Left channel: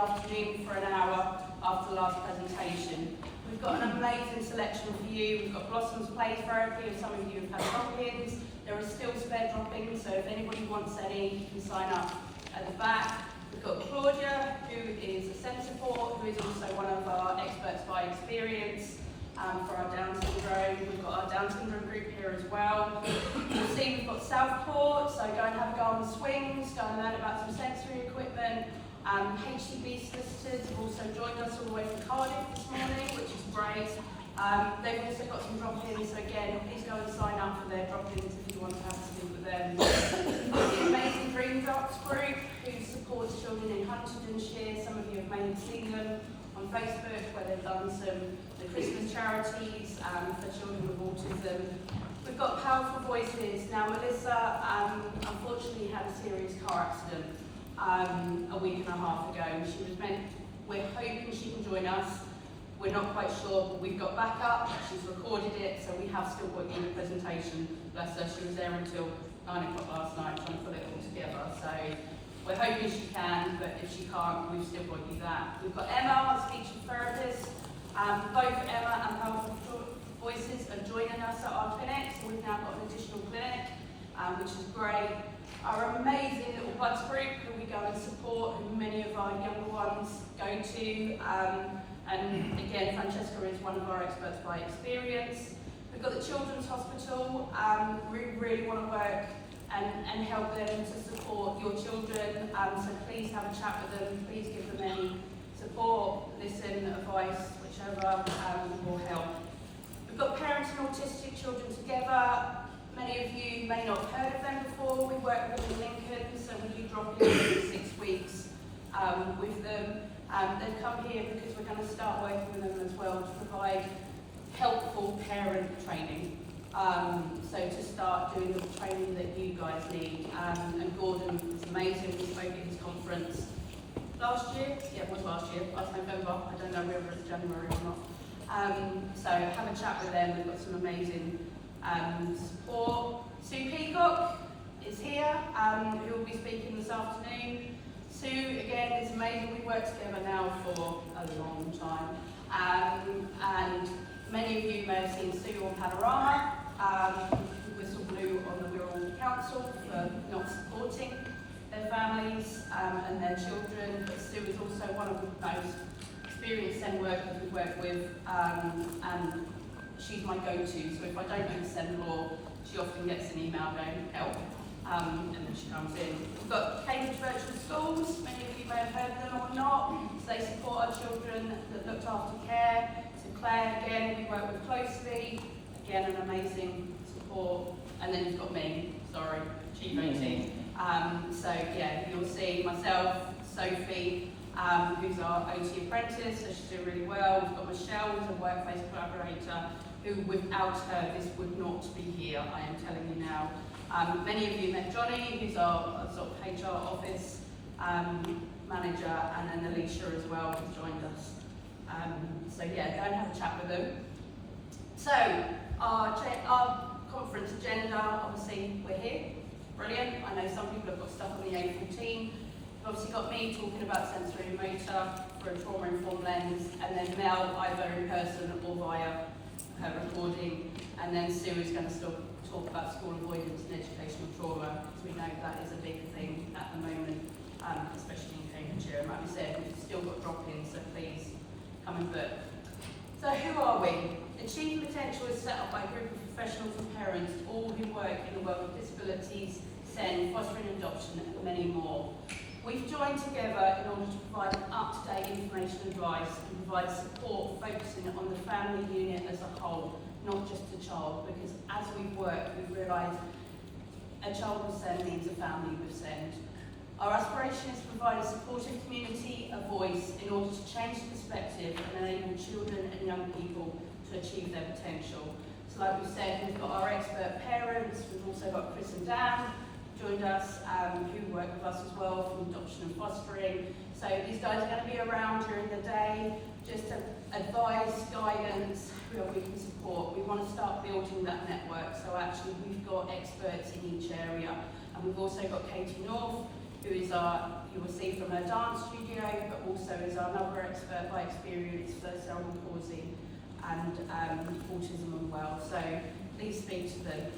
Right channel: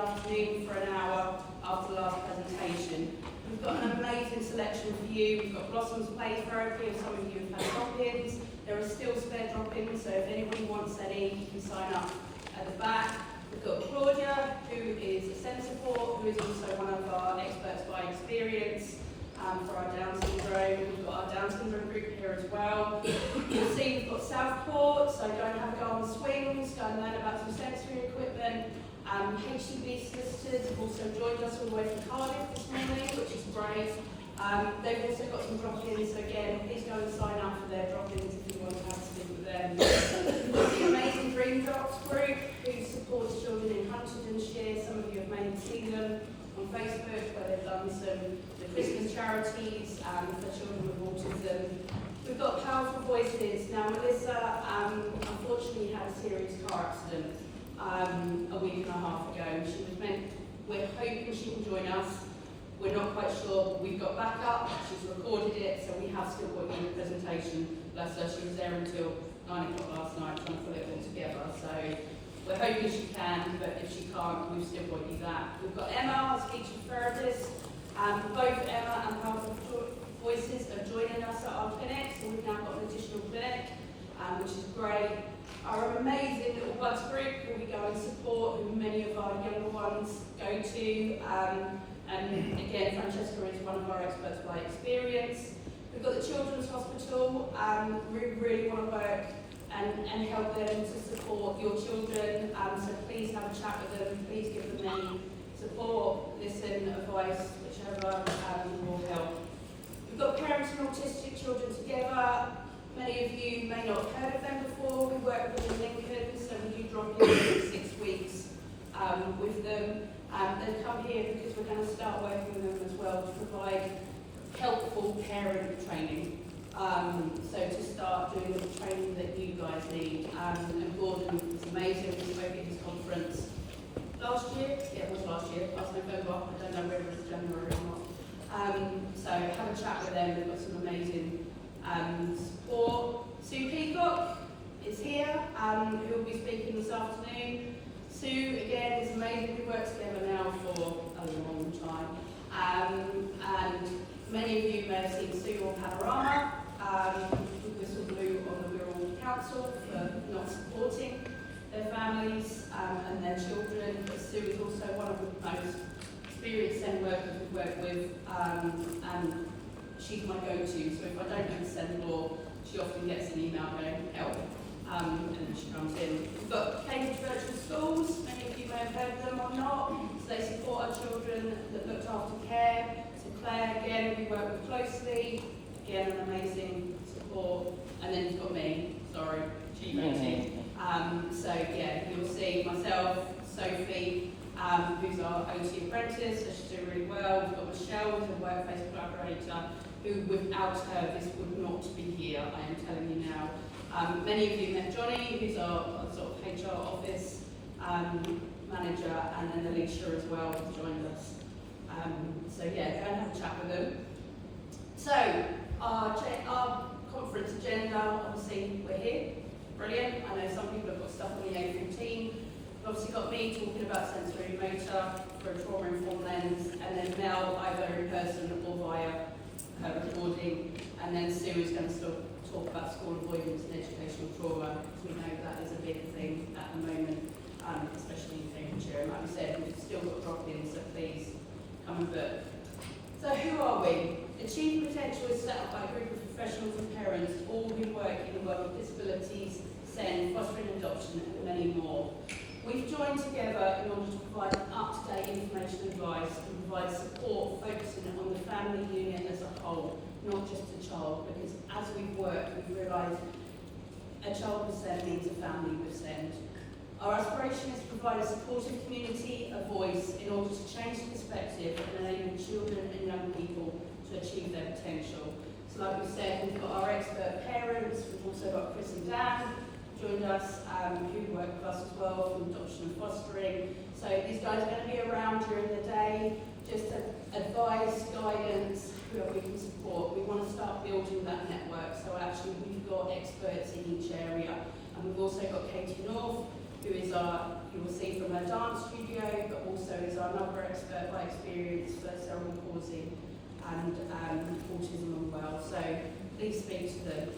afternoon for an hour after the last presentation. We've got an amazing selection for you. We've got Blossoms Play Therapy, and some of you have had drop-ins. There are still spare drop-ins, so if anybody wants any, you can sign up at the back. We've got Claudia, who is a SEND support, who is also one of our experts by experience for our Down syndrome. We've got our Down syndrome group here as well. You'll see we've got Southport, so go and have a go on the swings, go and learn about some sensory equipment. HCB solicitors have also joined us all the way from Cardiff this morning, which is great. They've also got some drop-ins, so again, please go and sign up for their drop-ins if you want to have a speak with them. The Amazing Dream Drops group, who supports children in Huntingdonshire. Some of you have maybe seen them on Facebook, where they've done some the Christmas charities for children with autism. We've got Powerful Voices. Now, Melissa unfortunately had a serious car accident a week and a half ago. She was we're hoping she can join us. We're not quite sure, but we've got backup. She's recorded it, so we have still got you in the presentation. Bless her, she was there until 9 o'clock last night trying to put it all together. So we're hoping she can, but if she can't, we've still got you that. We've got Emma, our speech therapist. Both Emma and Powerful Voices are joining us at our clinic, so we've now got an additional clinic, which is great. Our amazing little buds group, who we go and support, who many of our younger ones go to. And again, Francesca is one of our experts by experience. We've got the Children's Hospital. We really want to work and help them to support your children. So please have a chat with them. Please give them any support, listen, advice, whichever will help. We've got Parents and Autistic Children Together. Many of you may not have heard of them before. We work with them in Lincoln, so we do drop-ins every 6 weeks with them. They've come here because we're going to start working with them as well to provide helpful parent training. So to start doing the training that you guys need. And Gordon was amazing. We spoke at his conference last year. Yeah, it was last year. Last November. I don't know whether it's January or not. So have a chat with them. We've got some amazing support. Sue Peacock is here, who will be speaking this afternoon. Sue, again, is amazing. We've worked together now for a long time. And many of you may have seen Sue on Panorama, who whistle blew on the Wirral Council for not supporting their families and their children. But Sue is also one of the most experienced SEND workers we've worked with, and she's my go-to. So if I don't know the SEND law, she often gets an email going, help. And then she comes in. We've got Cambridge Virtual Schools. Many of you may have heard of them or not. So they support our children that looked after care. So Claire, again, we work with closely. Again, an amazing support. And then you've got me, sorry, Chief OT. So yeah, you'll see myself, Sophie, who's our OT apprentice, so she's doing really well. We've got Michelle, who's a workplace collaborator, who without her, this would not be here, I am telling you now. Many of you met Johnny, who's our sort of HR office manager, and then Alicia as well, who's joined us. So yeah, go and have a chat with them. So our conference agenda, obviously we're here, brilliant. I know some people have got stuff on the A14. We've obviously got me talking about sensory and motor for a trauma-informed lens, and then Mel either in person or via her recording, and then Sue is going to still talk about school avoidance and educational trauma, because we know that is a big thing at the moment, especially in Cambridgeshire. And like we said, we've still got drop-ins, so please come and book. So who are we? Achieve Potential is set up by a group of professionals and parents, all who work in the world of disabilities, SEND, fostering adoption, and many more. We've joined together in order to provide up-to-date information and advice and provide support focusing on the family unit as a whole, not just the child, because as we've worked, we've realised a child with SEND means a family with SEND. Our aspiration is to provide a supportive community, a voice, in order to change the perspective and enable children and young people to achieve their potential. So like we've said, we've got our expert parents, we've also got Chris and Dan, joined us, who work with us as well from adoption and fostering. So these guys are going to be around during the day, just to advise, guidance, who we can support. We want to start building that network, so actually we've got experts in each area. And we've also got Katie North, who is you will see from her dance studio, but also another expert by experience for cerebral palsy and autism as well. So please speak to them.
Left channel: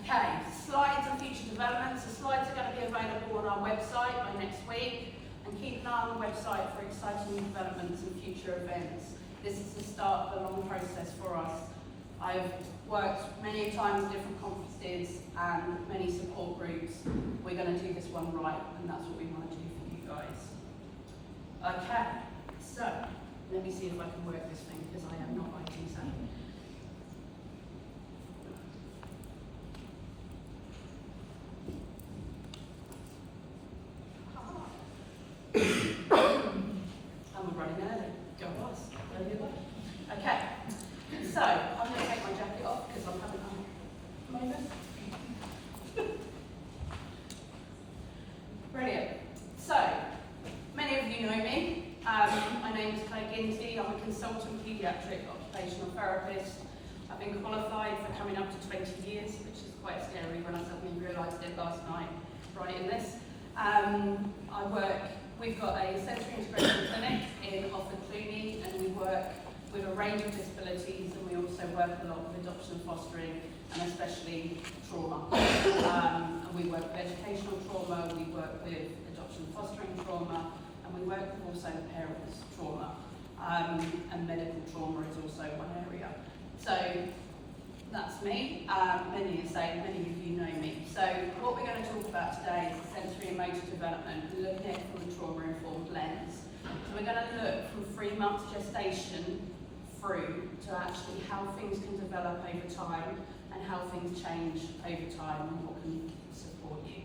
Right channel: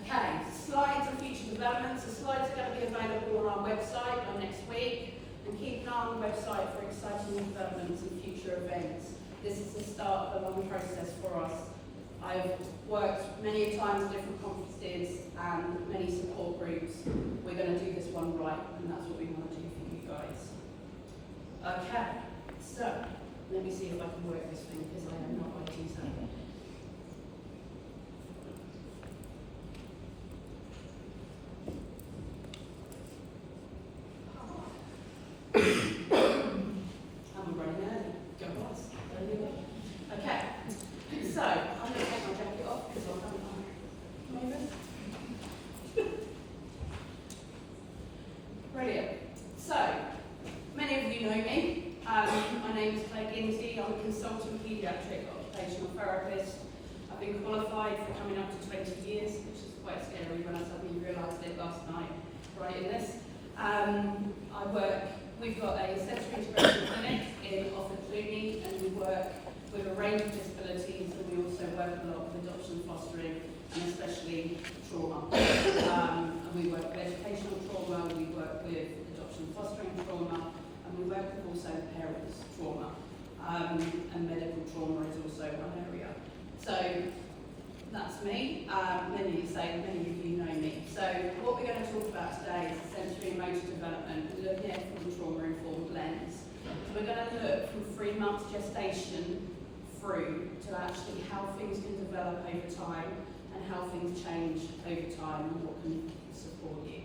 Okay, slides and future developments. The slides are going to be available on our website by next week, and keep an eye on the website for exciting new developments and future events. This is the start of a long process for us. I've worked many times at different conferences and many support groups. We're going to do this one right, and that's what we want to do for you guys. Okay, so let me see if I can work this thing, because I am not IT savvy. I'm running early. Go on. Okay, so I'm going to take my jacket off because I'm having a moment. Brilliant. So, many of you know me. My name is Claire Ginty. I'm a consultant paediatric occupational therapist. I've been qualified for coming up to 20 years, which is quite scary when I suddenly realised it last night, writing this. We've got a sensory integration clinic in Offord Cluny, and we work with a range of disabilities, and we also work a lot with adoption fostering, and especially trauma. And we work with educational trauma, we work with adoption fostering trauma, and we work with also parents' trauma. And medical trauma is also one area. So that's me. Many of you know me. So what we're going to talk about today is sensory and motor development, and looking at it from a trauma-informed lens. So we're going to look from 3 months gestation through to actually how things can develop over time and how things change over time and what can support you.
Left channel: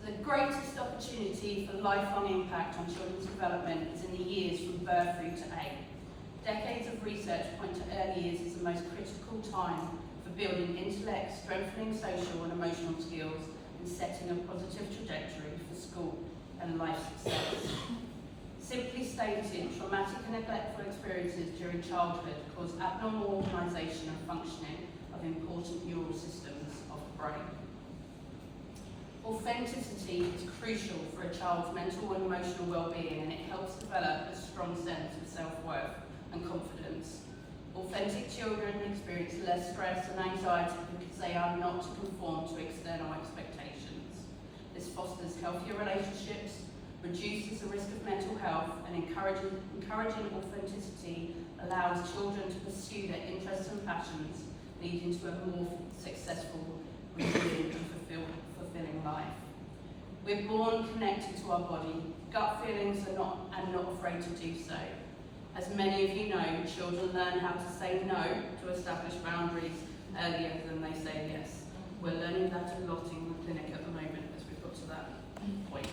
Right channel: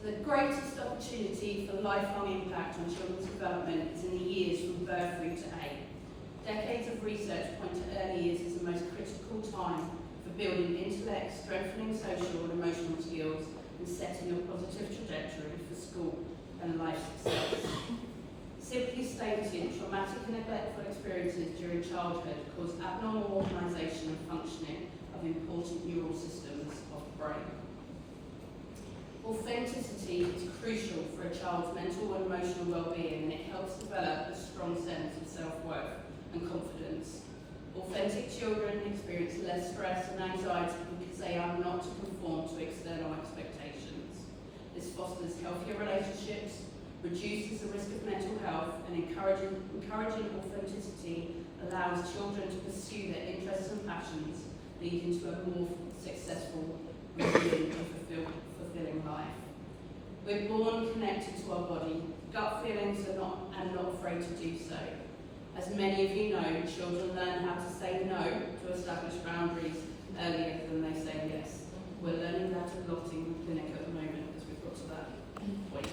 So the greatest opportunity for lifelong impact on children's development is in the years from birth through to 8. Decades of research point to early years as the most critical time for building intellect, strengthening social and emotional skills, and setting a positive trajectory for school and life success. Simply stated, traumatic and neglectful experiences during childhood cause abnormal organisation and functioning of important neural systems of the brain. Authenticity is crucial for a child's mental and emotional well-being, and it helps develop a strong sense of self-worth and confidence. Authentic children experience less stress and anxiety because they are not conformed to external expectations. This fosters healthier relationships, reduces the risk of mental health, and encouraging authenticity allows children to pursue their interests and passions, leading to a more successful, resilient and fulfilling life. We're born connected to our body. Gut feelings are not afraid to do so. As many of you know, children learn how to say no to establish boundaries earlier than they say yes. We're learning that a lot in the clinic at the moment as we've got to that point.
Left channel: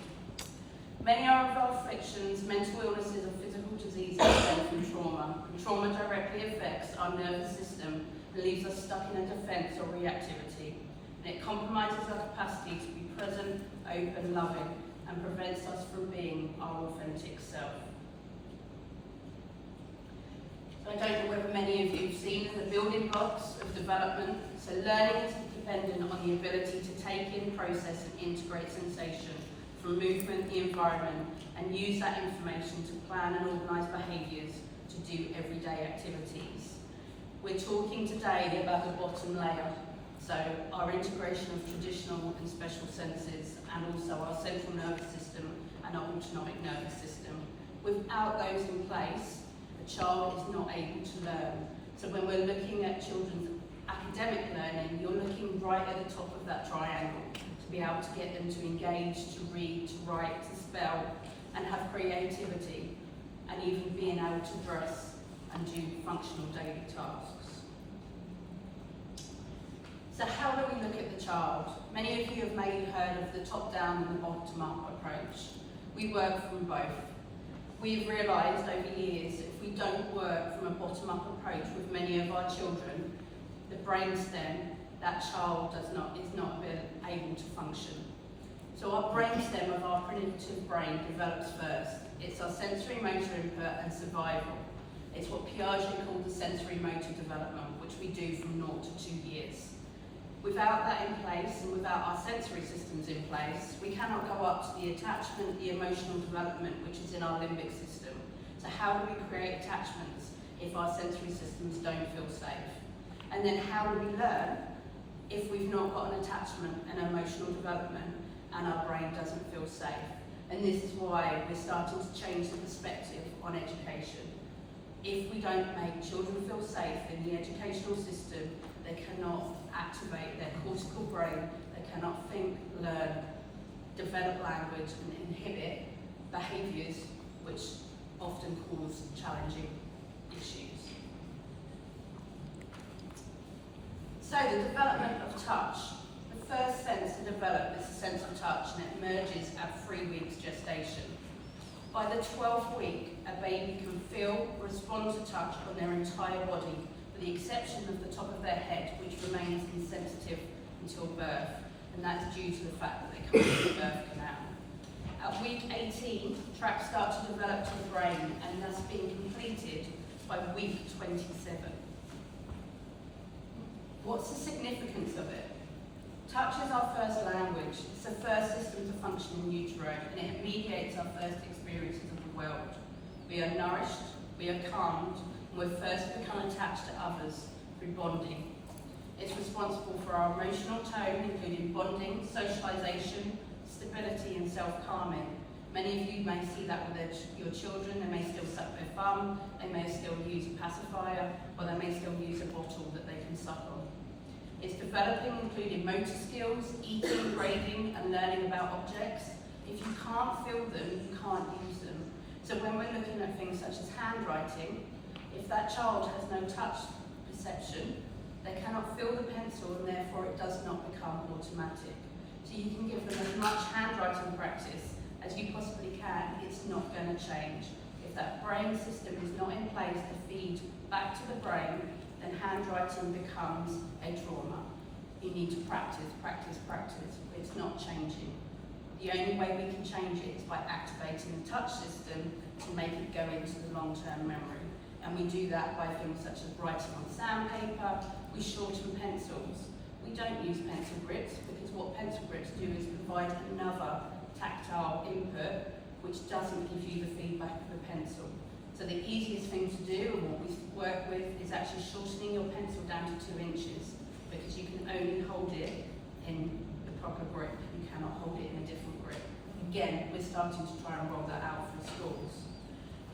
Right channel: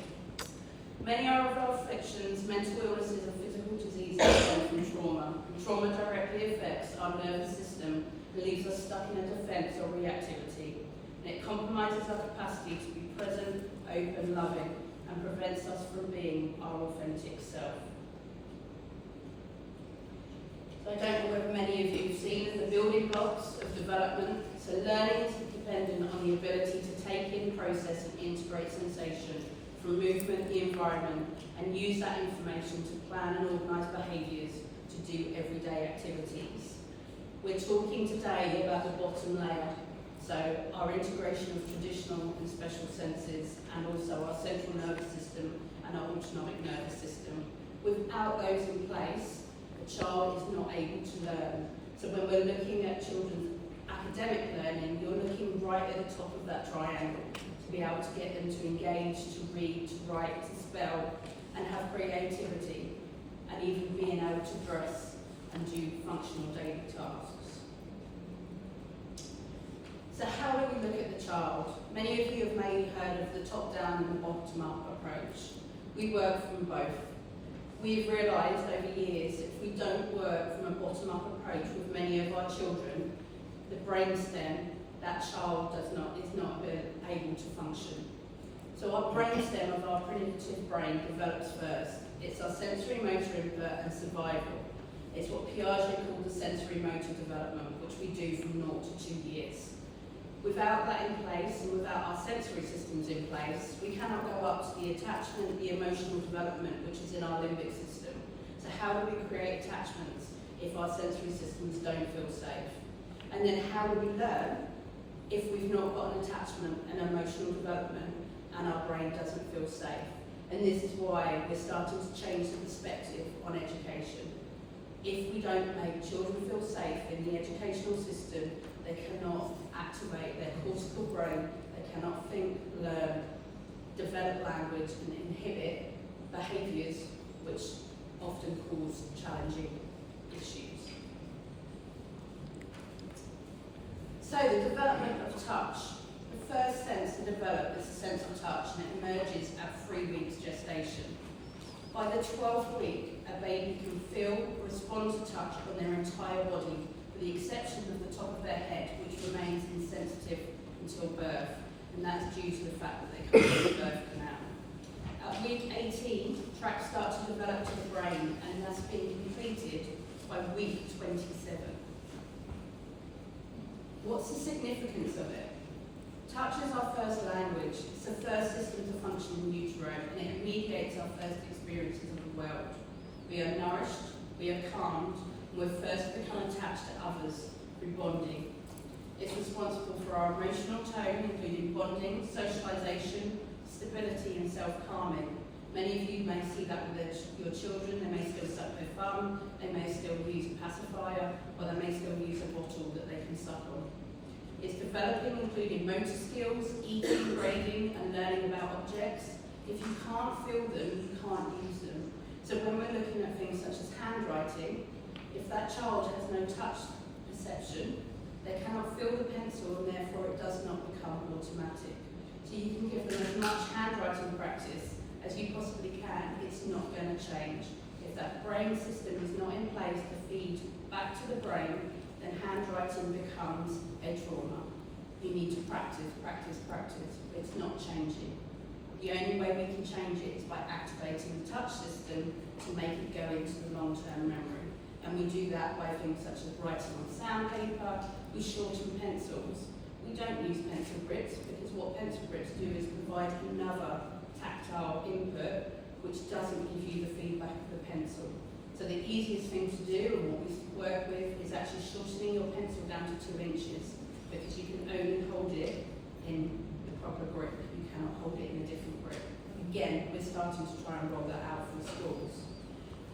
Many are of our afflictions, mental illnesses and physical diseases stem from trauma. Trauma directly affects our nervous system and leaves us stuck in a defence or reactivity. And it compromises our capacity to be present, open, loving, and prevents us from being our authentic self. I don't know whether many of you have seen the building blocks of development. So learning is dependent on the ability to take in, process and integrate sensation from movement, the environment, and use that information to plan and organise behaviours to do everyday activities. We're talking today about the bottom layer, so our integration of traditional and special senses, and also our central nervous system and our autonomic nervous system. Without those in place, a child is not able to learn. So when we're looking at children's academic learning, you're looking right at the top of that triangle to be able to get them to engage, to read, to write, to spell, and have creativity, and even being able to dress and do functional daily tasks. So how do we look at the child? Many of you have maybe heard of the top-down and the bottom-up approach. We work from both. We've realised over years that if we don't work from a bottom-up approach with many of our children, the brainstem, that child is not able to function. So our brainstem of our primitive brain develops first. It's our sensory motor input and survival. It's what Piaget called the sensory motor development, which we do from 0 to 2 years. Without that in place and without our sensory systems in place, we cannot go up to the attachment, the emotional development, which is in our limbic system. So how do we create attachments if our sensory systems don't feel safe? And then how do we learn if we've not got an attachment and emotional development and our brain doesn't feel safe? And this is why we're starting to change the perspective on education. If we don't make children feel safe in the educational system, they cannot activate their cortical brain, they cannot think, learn, develop language and inhibit behaviours which often cause challenging issues. So the development of touch. The first sense to develop is the sense of touch, and it emerges at 3 weeks gestation. By the 12th week, a baby can feel, respond to touch on their entire body, with the exception of the top of their head, which remains insensitive until birth, and that's due to the fact that they come from the birth canal. At week 18, tracts start to develop to the brain, and that's been completed by week 27. What's the significance of it? Touch is our first language. It's the first system to function in utero, and it mediates our first experiences of the world. We are nourished, we are calmed, and we first become attached to others through bonding. It's responsible for our emotional tone, including bonding, socialisation, stability, and self-calming. Many of you may see that with your children. They may still suck their thumb, they may still use a pacifier, or they may still use a bottle that they can suck on. It's developing, including motor skills, eating, grading, and learning about objects. If you can't feel them, you can't use them. So when we're looking at things such as handwriting, if that child has no touch perception, they cannot feel the pencil, and therefore it does not become automatic. So you can give them as much handwriting practice as you possibly can, it's not going to change. If that brain system is not in place to feed back to the brain, then handwriting becomes a trauma. You need to practice, practice, practice. It's not changing. The only way we can change it is by activating the touch system to make it go into the long-term memory. And we do that by things such as writing on sandpaper, we shorten pencils. We don't use pencil grips because what pencil grips do is provide another tactile input which doesn't give you the feedback of the pencil. So the easiest thing to do, and what we work with, is actually shortening your pencil down to 2 inches, because you can only hold it in the proper grip. You cannot hold it in a different grip. Again, we're starting to try and roll that out from schools.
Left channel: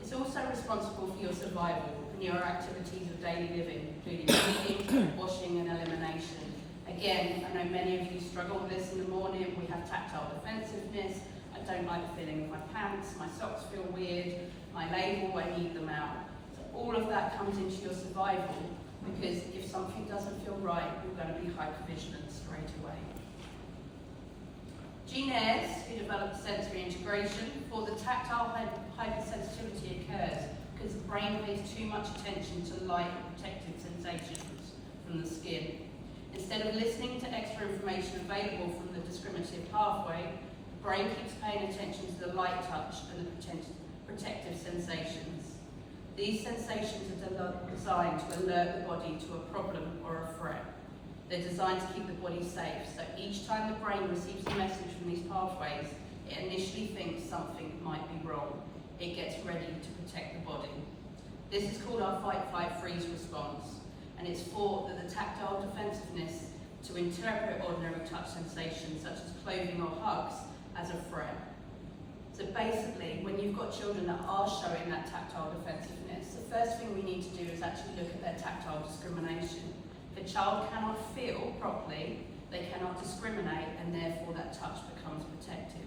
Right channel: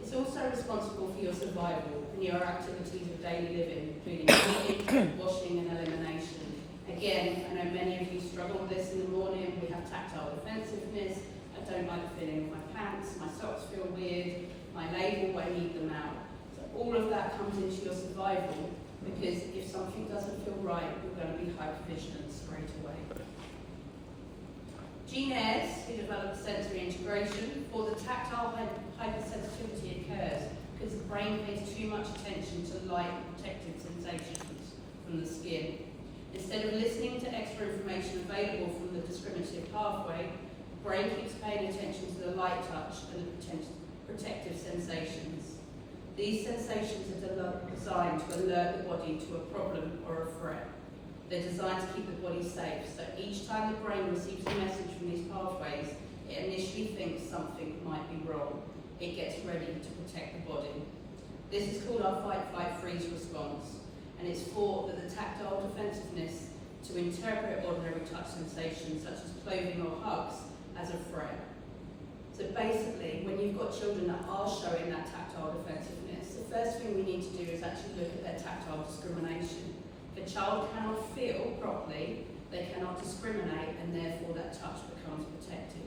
It's also responsible for your survival and your activities of daily living, including eating, washing, and elimination. Again, I know many of you struggle with this in the morning. We have tactile defensiveness. I don't like the feeling of my pants, my socks feel weird, my label, I need them out. So all of that comes into your survival, because if something doesn't feel right, you're going to be hypervigilant straight away. Jean Ayres, who developed sensory integration, for the tactile hypersensitivity occurs because the brain pays too much attention to light and protective sensations from the skin. Instead of listening to extra information available from the discriminative pathway, the brain keeps paying attention to the light touch and the protective sensations. These sensations are designed to alert the body to a problem or a threat. They're designed to keep the body safe, so each time the brain receives a message from these pathways, it initially thinks something might be wrong. It gets ready to protect the body. This is called our fight, flight, freeze response, and it's thought that the tactile defensiveness to interpret ordinary touch sensations such as clothing or hugs as a threat. So basically, when you've got children that are showing that tactile defensiveness, the first thing we need to do is actually look at their tactile discrimination. If a child cannot feel properly, they cannot discriminate, and therefore that touch becomes protective.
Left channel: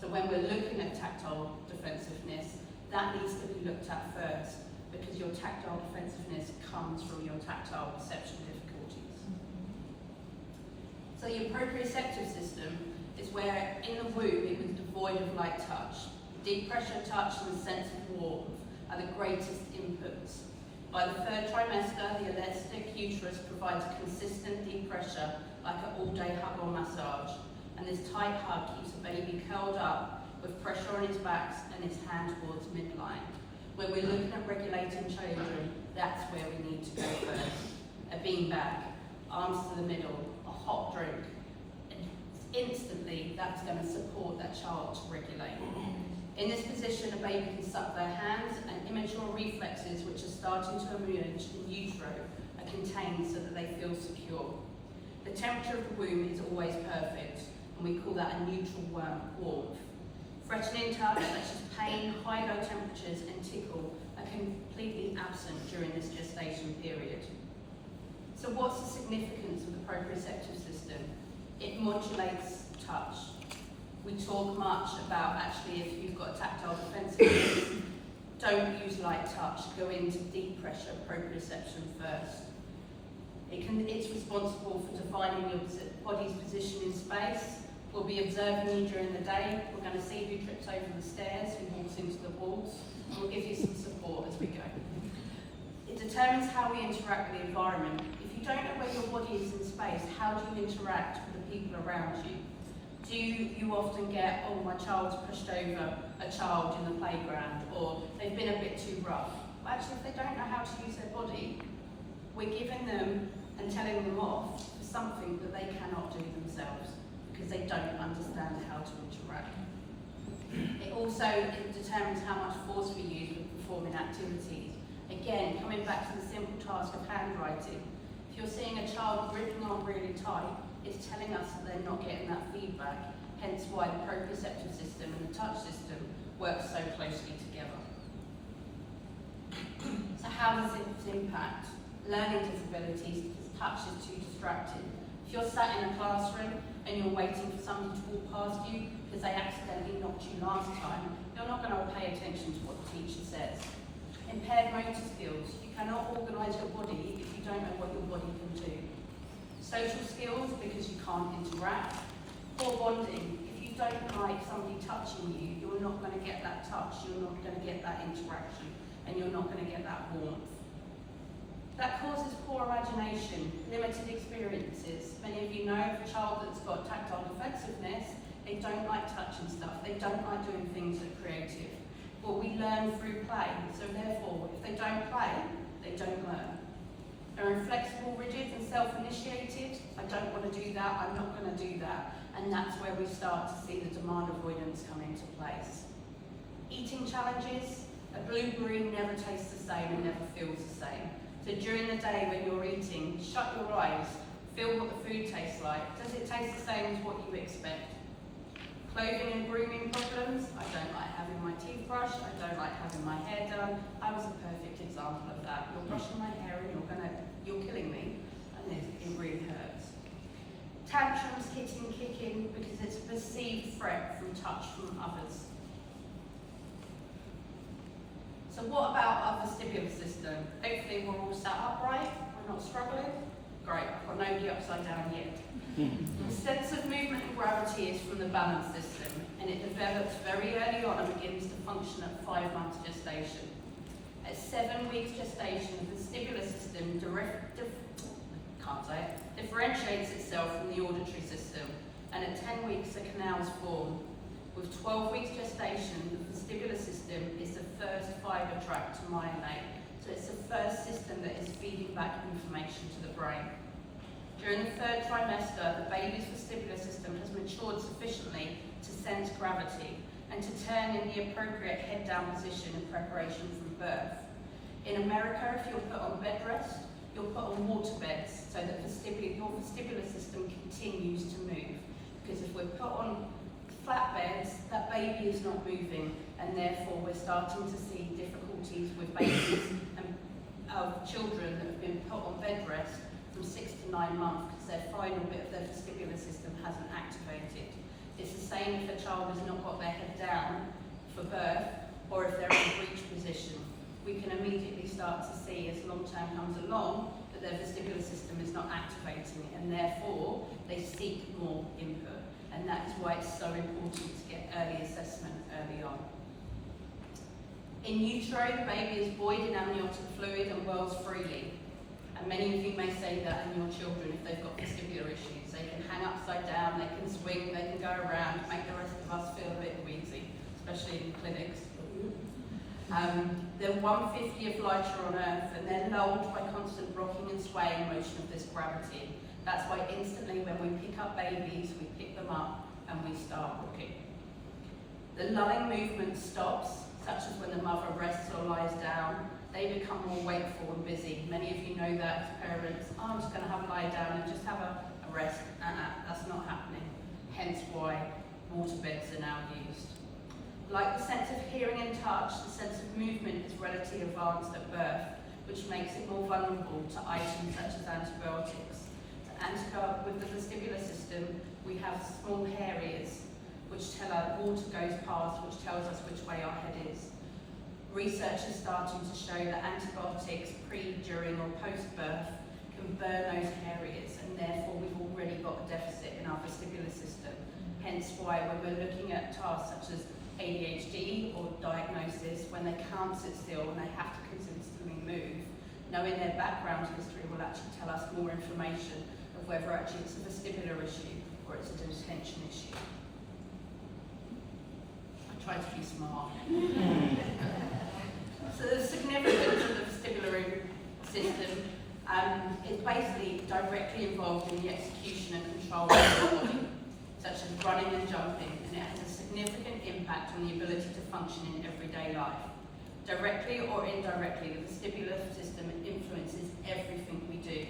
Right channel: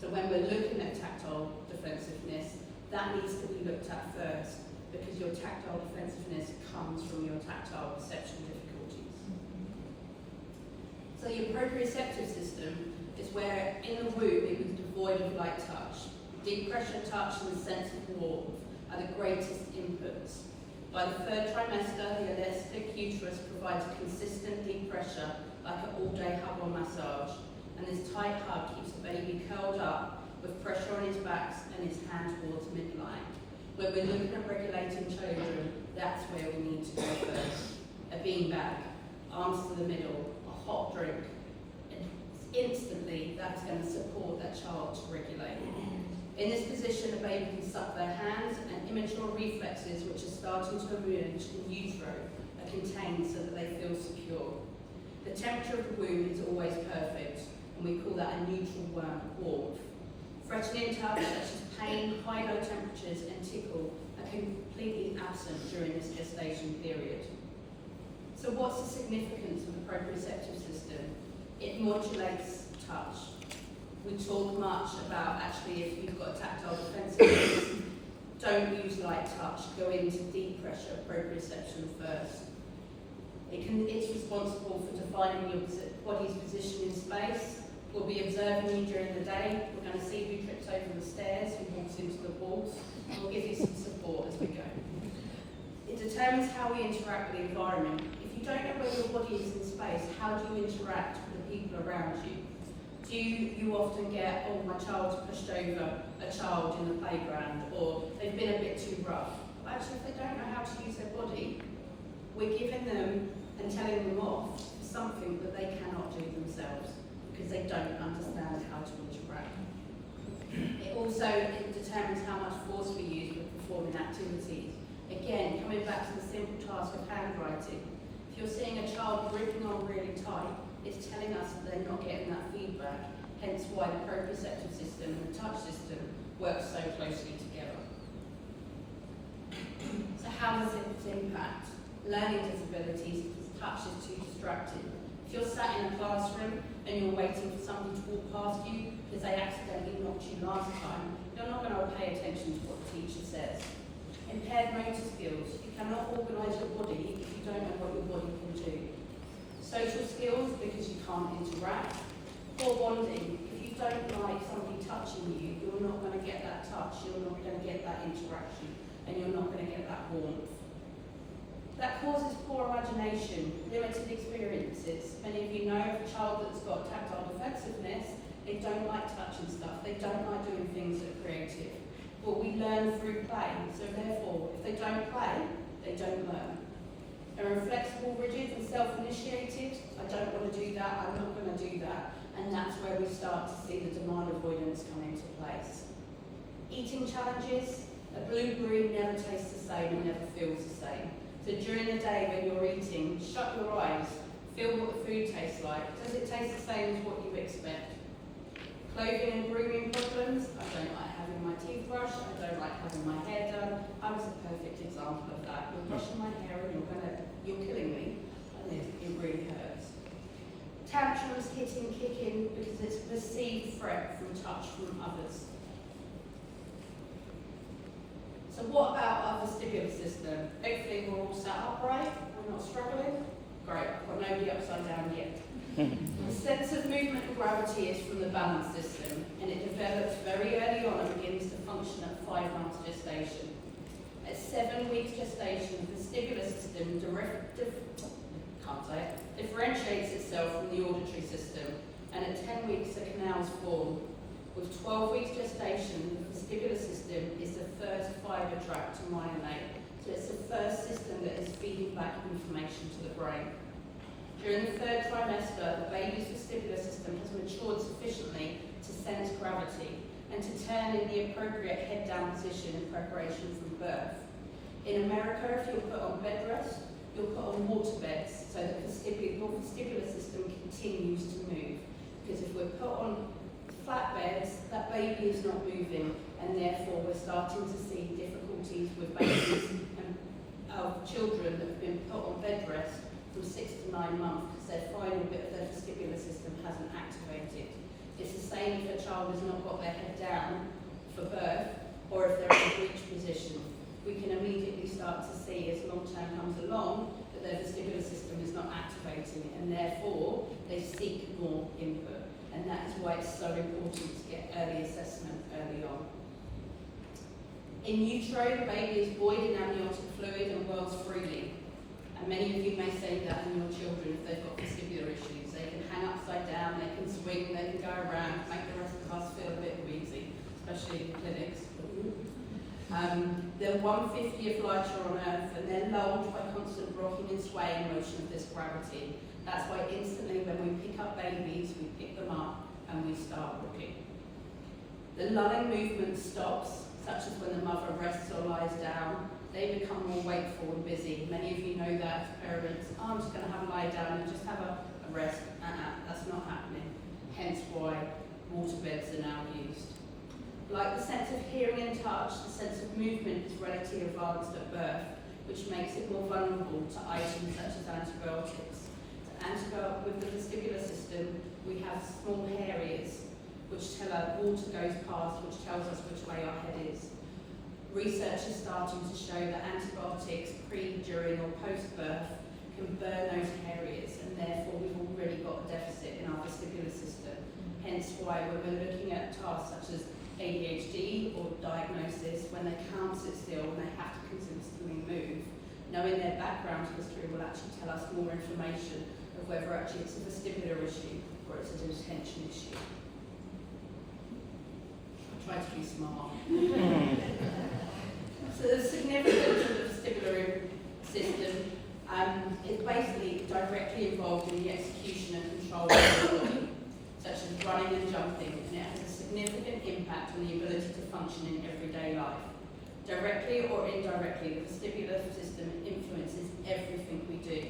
So when we're looking at tactile defensiveness, that needs to be looked at first, because your tactile defensiveness comes from your tactile perception difficulties. So your proprioceptive system is where in the womb it was devoid of light touch. Deep pressure touch and the sense of warmth are the greatest inputs. By the 3rd trimester, the elastic uterus provides consistent deep pressure like an all-day hug or massage, and this tight hug keeps the baby curled up with pressure on his back and his hand towards midline. When we're looking at regulating children, that's where we need to go first. A beanbag, arms to the middle, a hot drink, and instantly that's going to support that child to regulate. In this position, a baby can suck their hands, and immature reflexes, which are starting to emerge in utero, are contained so that they feel secure. The temperature of the womb is always perfect, and we call that a neutral warmth. Threatening touch, such as pain, high-low temperatures, and tickle, are completely absent during this gestation period. So what's the significance of the proprioceptive system? It modulates touch. We talk much about actually if you've got tactile defensiveness, don't use light touch, go into deep pressure proprioception first. It's responsible for defining your body's position in space. We'll be observing you during the day. We're going to see who trips over the stairs, who walks into the walls, and we'll give you some support as we go. It determines how we interact with the environment. If you don't know where your body is in space, how do you interact with the people around you? Do you often get, oh, my child's pushed over a child in the playground, or they've been a bit too rough? Well, actually, if they don't know how to use their body, we're giving them and telling them off for something that they cannot do themselves because they don't understand how to interact. It determines how much force we use with performing activities. Again, coming back to the simple task of handwriting, if you're seeing a child gripping on really tight, it's telling us that they're not getting that feedback, hence why the proprioceptive system and the touch system work so closely together. So how does it impact learning disabilities because touch is too distracting? If you're sat in a classroom and you're waiting for somebody to walk past you because they accidentally knocked you last time, you're not going to pay attention to what the teacher says. Impaired motor skills, you cannot organise your body if you don't know what your body can do. Social skills, because you can't interact. Poor bonding, if you don't like somebody touching you, you're not going to get that touch, you're not going to get that interaction, and you're not going to get that warmth. That causes poor imagination, limited experiences. Many of you know of a child that's got tactile defensiveness, they don't like touching stuff, they don't like doing things that are creative. But we learn through play, so therefore, if they don't play, they don't learn. They're inflexible, rigid, and self-initiated. I don't want to do that, I'm not going to do that. And that's where we start to see the demand avoidance come into place. Eating challenges, a blueberry never tastes the same and never feels the same. So during the day when you're eating, shut your eyes, feel what the food tastes like. Does it taste the same as what you expect? Clothing and grooming problems, I don't like having my teeth brushed, I don't like having my hair done. I was a perfect example of that. You're brushing my hair and you're killing me, and it really hurts. Tantrums, hitting, kicking, because it's a perceived threat from touch from others. So what about our vestibular system? Hopefully we're all sat upright, we're not struggling. Great, I've got nobody upside down yet. The sense of movement and gravity is from the balance system, and it develops very early on and begins to function at 5 months gestation. At 7 weeks gestation, the vestibular system differentiates itself from the auditory system, and at 10 weeks the canals form. With 12 weeks gestation, the vestibular system is the first fibre tract to myelin, so it's the first system that is feeding back information to the brain. During the 3rd trimester, the baby's vestibular system has matured sufficiently to sense gravity and to turn in the appropriate head-down position in preparation for birth. In America, if you're put on bed rest, you're put on water beds so that your vestibular system continues to move. Because if we're put on flat beds, that baby is not moving, and therefore we're starting to see difficulties with babies and children that have been put on bed rest from 6 to 9 months because their final bit of their vestibular system hasn't activated. It's the same if a child has not got their head down for birth, or if they're in a breech position. We can immediately start to see as long term comes along that their vestibular system is not activating, and therefore they seek more input. And that is why it's so important to get early assessment early on. In utero, the baby is void in amniotic fluid and whirls freely. And many of you may say that in your children if they've got vestibular issues. They can hang upside down, they can swing, they can go around, make the rest of us feel a bit wheezy, especially in clinics. They're 1/50 of lighter on Earth, and they're lulled by constant rocking and swaying motion of this gravity. That's why instantly when we pick up babies, we pick them up and we start rocking. The lulling movement stops, such as when the mother rests or lies down. They become more wakeful and busy. Many of you know that as parents. Oh, I'm just going to have a lie down and just have a rest. That's not happening. Hence why water beds are now used. Like the sense of hearing and touch, the sense of movement is relatively advanced at birth, which makes it more vulnerable to items such as antibiotics. With the vestibular system, we have small areas which tell us water goes past, which tells us which way our head is. Research is starting to show that antibiotics pre, during or post-birth can burn those areas, and therefore we've already got a deficit in our vestibular system. Hence why when we're looking at tasks such as ADHD or diagnosis, when they can't sit still and they have to consistently move, knowing their background history will actually tell us more information of whether actually it's a vestibular issue or it's an attention issue. I tried to be smart. So the significance of the vestibular system is basically directly involved in the execution and control of the body, such as running and jumping, and it has a significant impact on the ability to function in everyday life. Directly or indirectly, the vestibular system influences everything we do,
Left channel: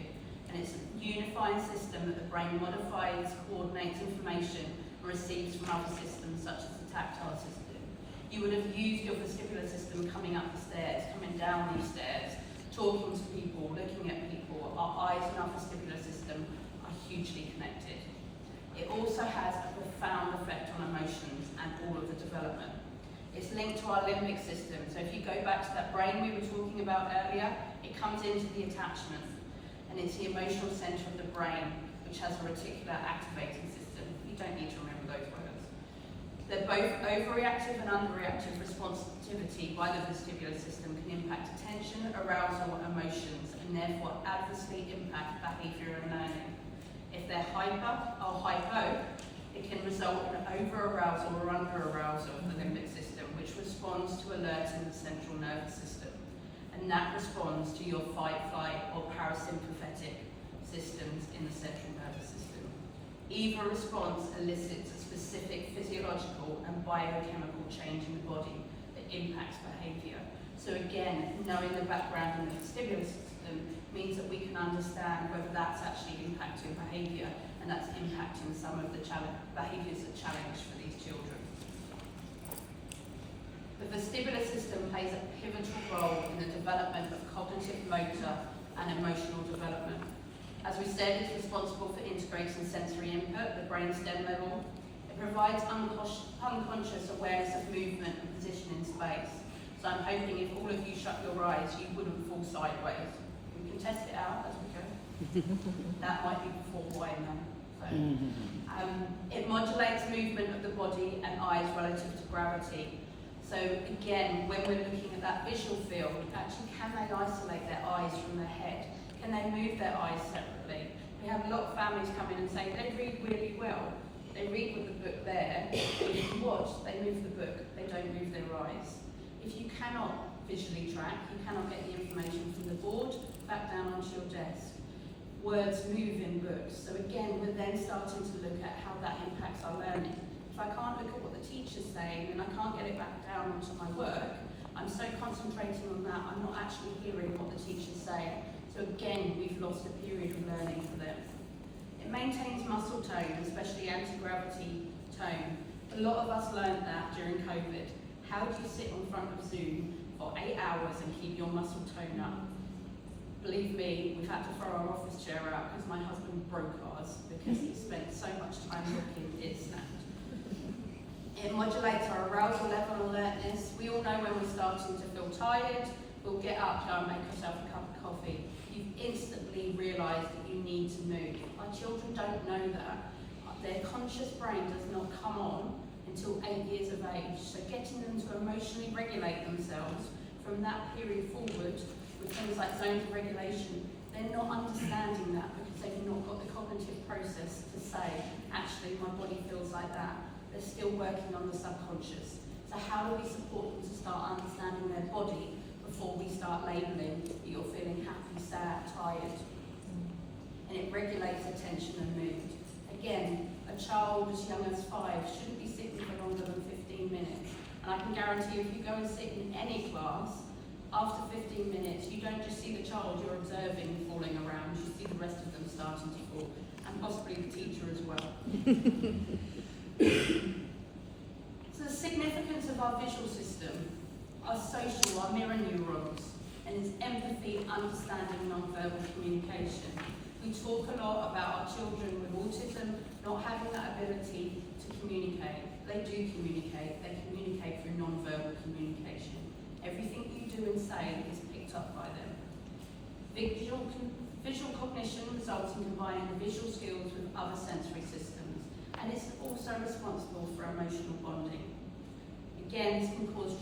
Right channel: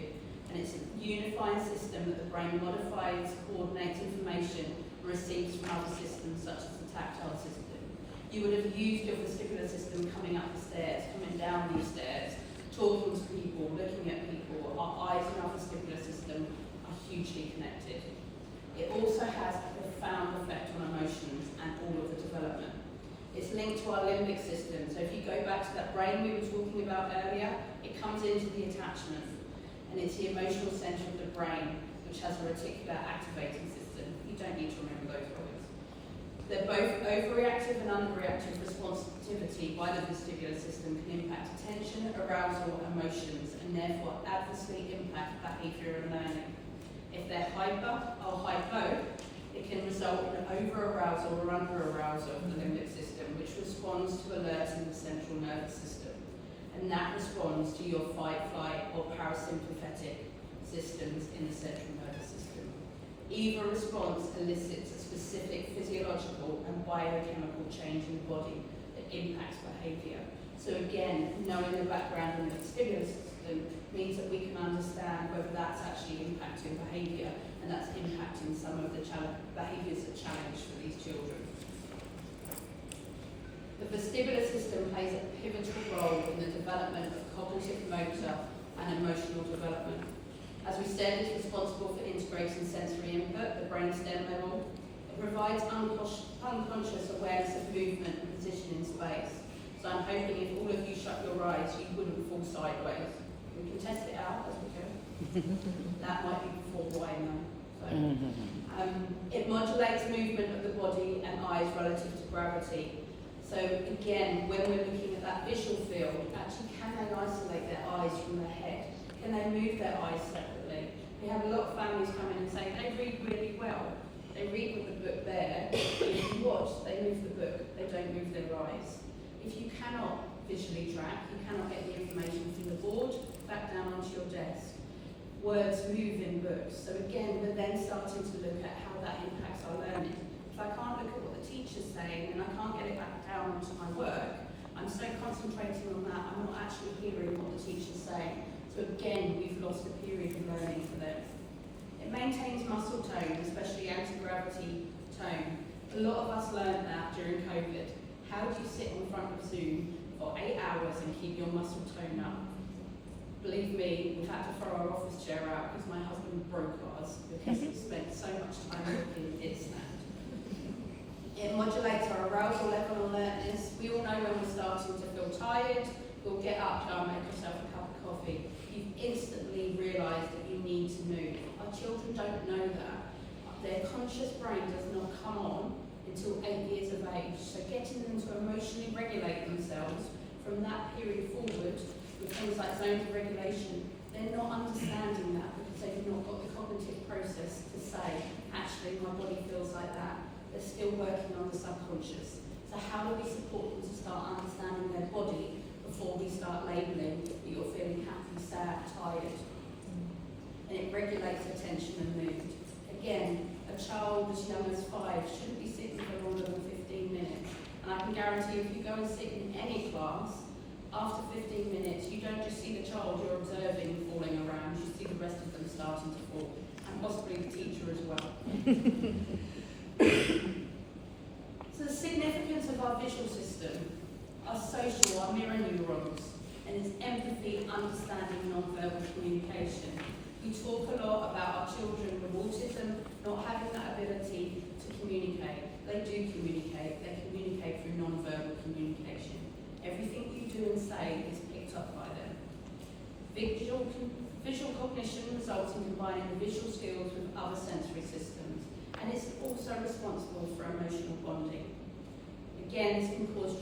and it's a unifying system that the brain modifies, coordinates information, and receives from other systems such as the tactile system. You would have used your vestibular system coming up the stairs, coming down these stairs, talking to people, looking at people. Our eyes and our vestibular system are hugely connected. It also has a profound effect on emotions and all of the development. It's linked to our limbic system, so if you go back to that brain we were talking about earlier, it comes into the attachment, and it's the emotional centre of the brain, which has a reticular activating system. You don't need to remember those words. They're both overreactive and underreactive responsivity by the vestibular system can impact attention, arousal, emotions, and therefore adversely impact behaviour and learning. If they're hyper or hypo, it can result in over-arousal or under-arousal of the limbic system, which responds to alerting the central nervous system. And that responds to your fight, flight, or parasympathetic systems in the central nervous system. Either response elicits a specific physiological and biochemical change in the body that impacts behaviour. So again, knowing the background in the vestibular system means that we can understand whether that's actually impacting behaviour, and that's impacting some of the behaviours that challenge for these children. The vestibular system plays a pivotal role in the development of cognitive, motor and emotional development. As we said, it's responsible for integrating sensory input at the brainstem level. It provides unconscious awareness of movement and position in space. So I'm hoping if all of you shut your eyes, you wouldn't fall sideways. We can test it out as we go. That might be before wine then. It modulates movement of the body and eyes relative to gravity. So again, when we're looking at that visual field, actually can they isolate their eyes from their head? Can they move their eyes separately? We have a lot of families come in and say they read really well. They read with the book there, but if you watch, they move the book, they don't move their eyes. If you cannot visually track, you cannot get the information from the board back down onto your desk. Words move in books. So again, we're then starting to look at how that impacts our learning. If I can't look at what the teacher's saying and I can't get it back down onto my work, I'm so concentrating on that, I'm not actually hearing what the teacher's saying. So again, we've lost a period of learning for them. It maintains muscle tone, especially anti-gravity tone. A lot of us learned that during COVID. How do you sit in front of Zoom for 8 hours and keep your muscle tone up? Believe me, we've had to throw our office chair out because my husband broke ours because he spent so much time looking, it snapped. It modulates our arousal level and alertness. We all know when we're starting to feel tired, we'll get up, go and make yourself a cup of coffee. You've instantly realised that you need to move. Our children don't know that. Their conscious brain does not come on until 8 years of age. So getting them to emotionally regulate themselves from that period forward with things like zones of regulation, they're not understanding that because they've not got the cognitive process to say, actually my body feels like that. They're still working on the subconscious. So how do we support them to start understanding their body before we start labelling that you're feeling happy, sad, tired? and it regulates attention and mood. Again, a child as young as 5 shouldn't be sitting for longer than 15 minutes. And I can guarantee if you go and sit in any class, after 15 minutes, you don't just see the child you're observing falling around, you see the rest of them starting to fall, and possibly the teacher as well. So the significance of our visual system, our social, our mirror neurons, and its empathy, understanding, non-verbal communication. We talk a lot about our children with autism not having that ability to communicate. They do communicate. They communicate through non-verbal communication. Everything you do and say is picked up by them. Visual cognition results in combining the visual skills with other sensory systems, and it's also responsible for emotional bonding. Again, this can cause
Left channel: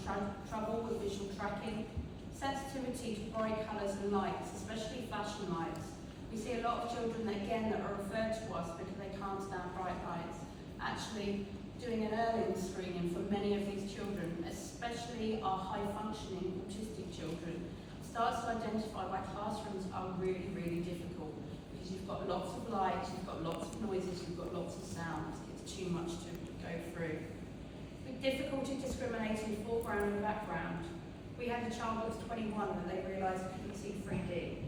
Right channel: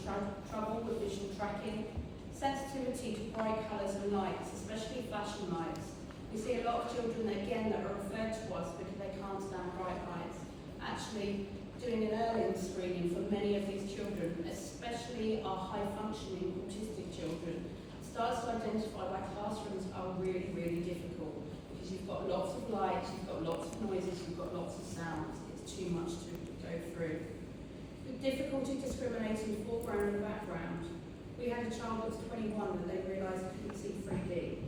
trouble with visual tracking, sensitivity to bright colours and lights, especially flashing lights. We see a lot of children, again, that are referred to us because they can't stand bright lights. Actually, doing an early screening for many of these children, especially our high-functioning autistic children, starts to identify why classrooms are really, really difficult, because you've got lots of lights, you've got lots of noises, you've got lots of sounds. It's too much to go through. With difficulty discriminating foreground and background, we had a child that was 21 and they realised they couldn't see 3D.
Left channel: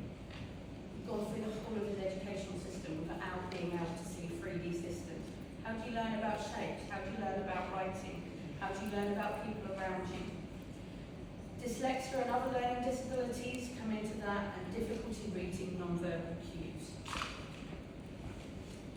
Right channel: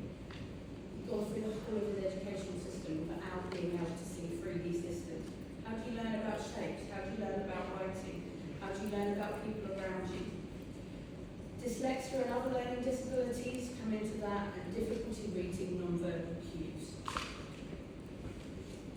Gone through the whole of his educational system without being able to see 3D systems. How do you learn about shapes? How do you learn about writing? How do you learn about people around you? Dyslexia and other learning disabilities come into that, and difficulty reading non-verbal cues.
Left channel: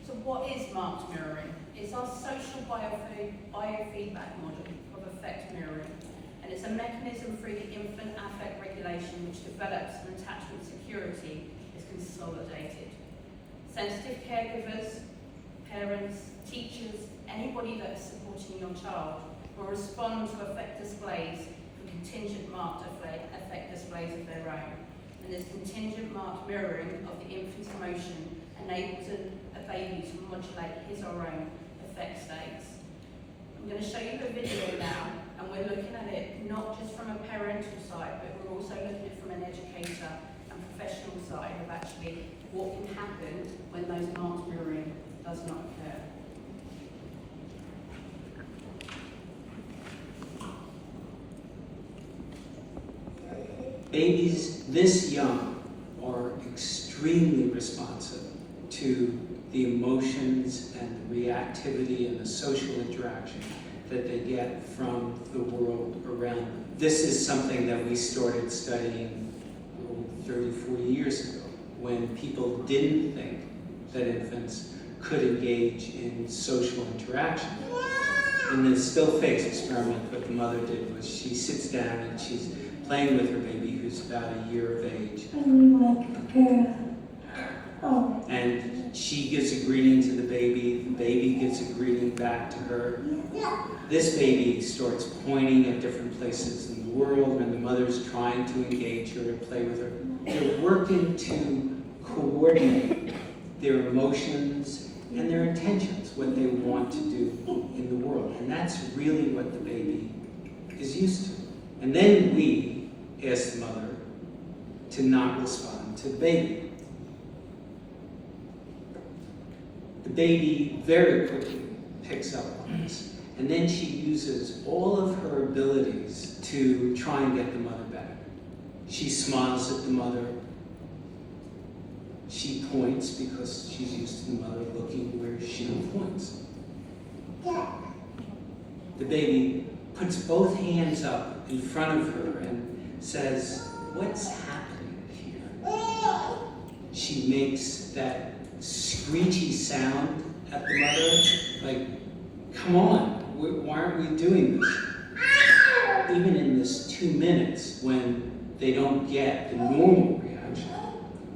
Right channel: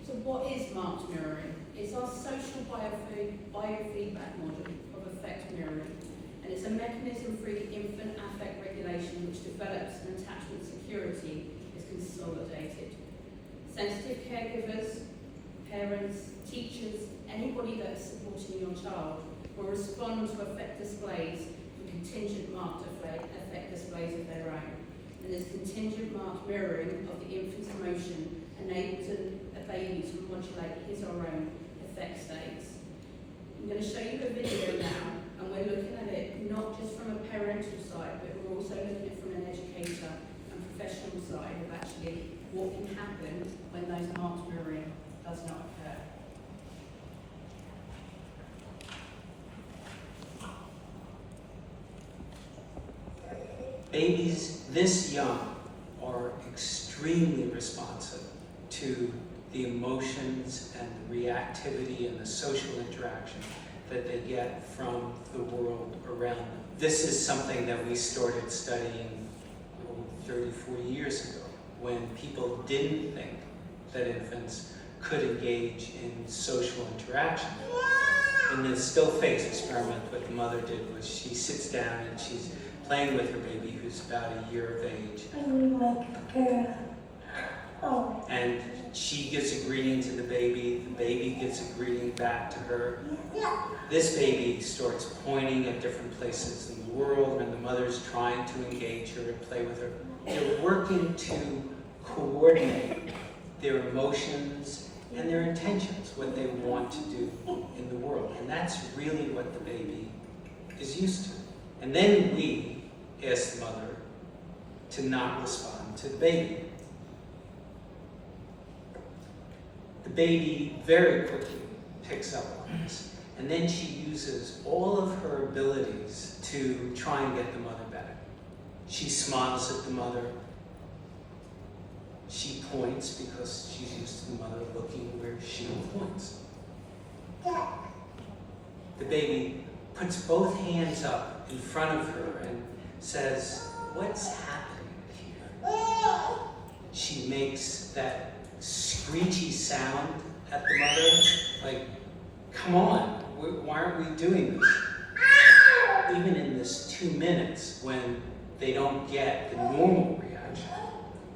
So what is marked mirroring? It's our social biofeedback model of affect mirroring, and it's a mechanism through the infant affect regulation which develops an attachment security is consolidated. Sensitive caregivers, parents, teachers, anybody that is supporting your child will respond to affect displays for contingent marked affect displays of their own. And this contingent marked mirroring of the infant's emotion enables a baby to modulate his or her own affect states. I'm going to show you a video now, and we're looking at it not just from a parental side, but we're also looking at it from an educator and professional side of actually what can happen when those marked mirroring does not occur. Babies this young are extremely responsive to the emotions and the reactivity and the social interaction that they get from the world around them. This is something that we started studying 30, 40 years ago, when people didn't think that infants could engage in social interaction. And the still face experiment what the mother did was she sits down and she's playing with her baby who's about a year of age. I'm like a girl. Oh. And she gives a greeting to the baby gives a greeting back to her. This baby starts pointing at different places in the world and the mother's trying to engage her and play with her. They're working to coordinate their emotions and their intentions, what they want to do in the world. And that's really what the baby is used to. And then we ask the mother to not respond to the baby. The baby very quickly picks up on this. And then she uses all of her abilities to try and get the mother back. She smiles at the mother. She points because she's used to the mother looking where she points. The baby puts both hands up in front of her and says, "What's happening here?" She makes that screechy sound at the mother, like, "Come on, why aren't we doing this?" Even in this 2 minutes, when they don't get the normal reaction,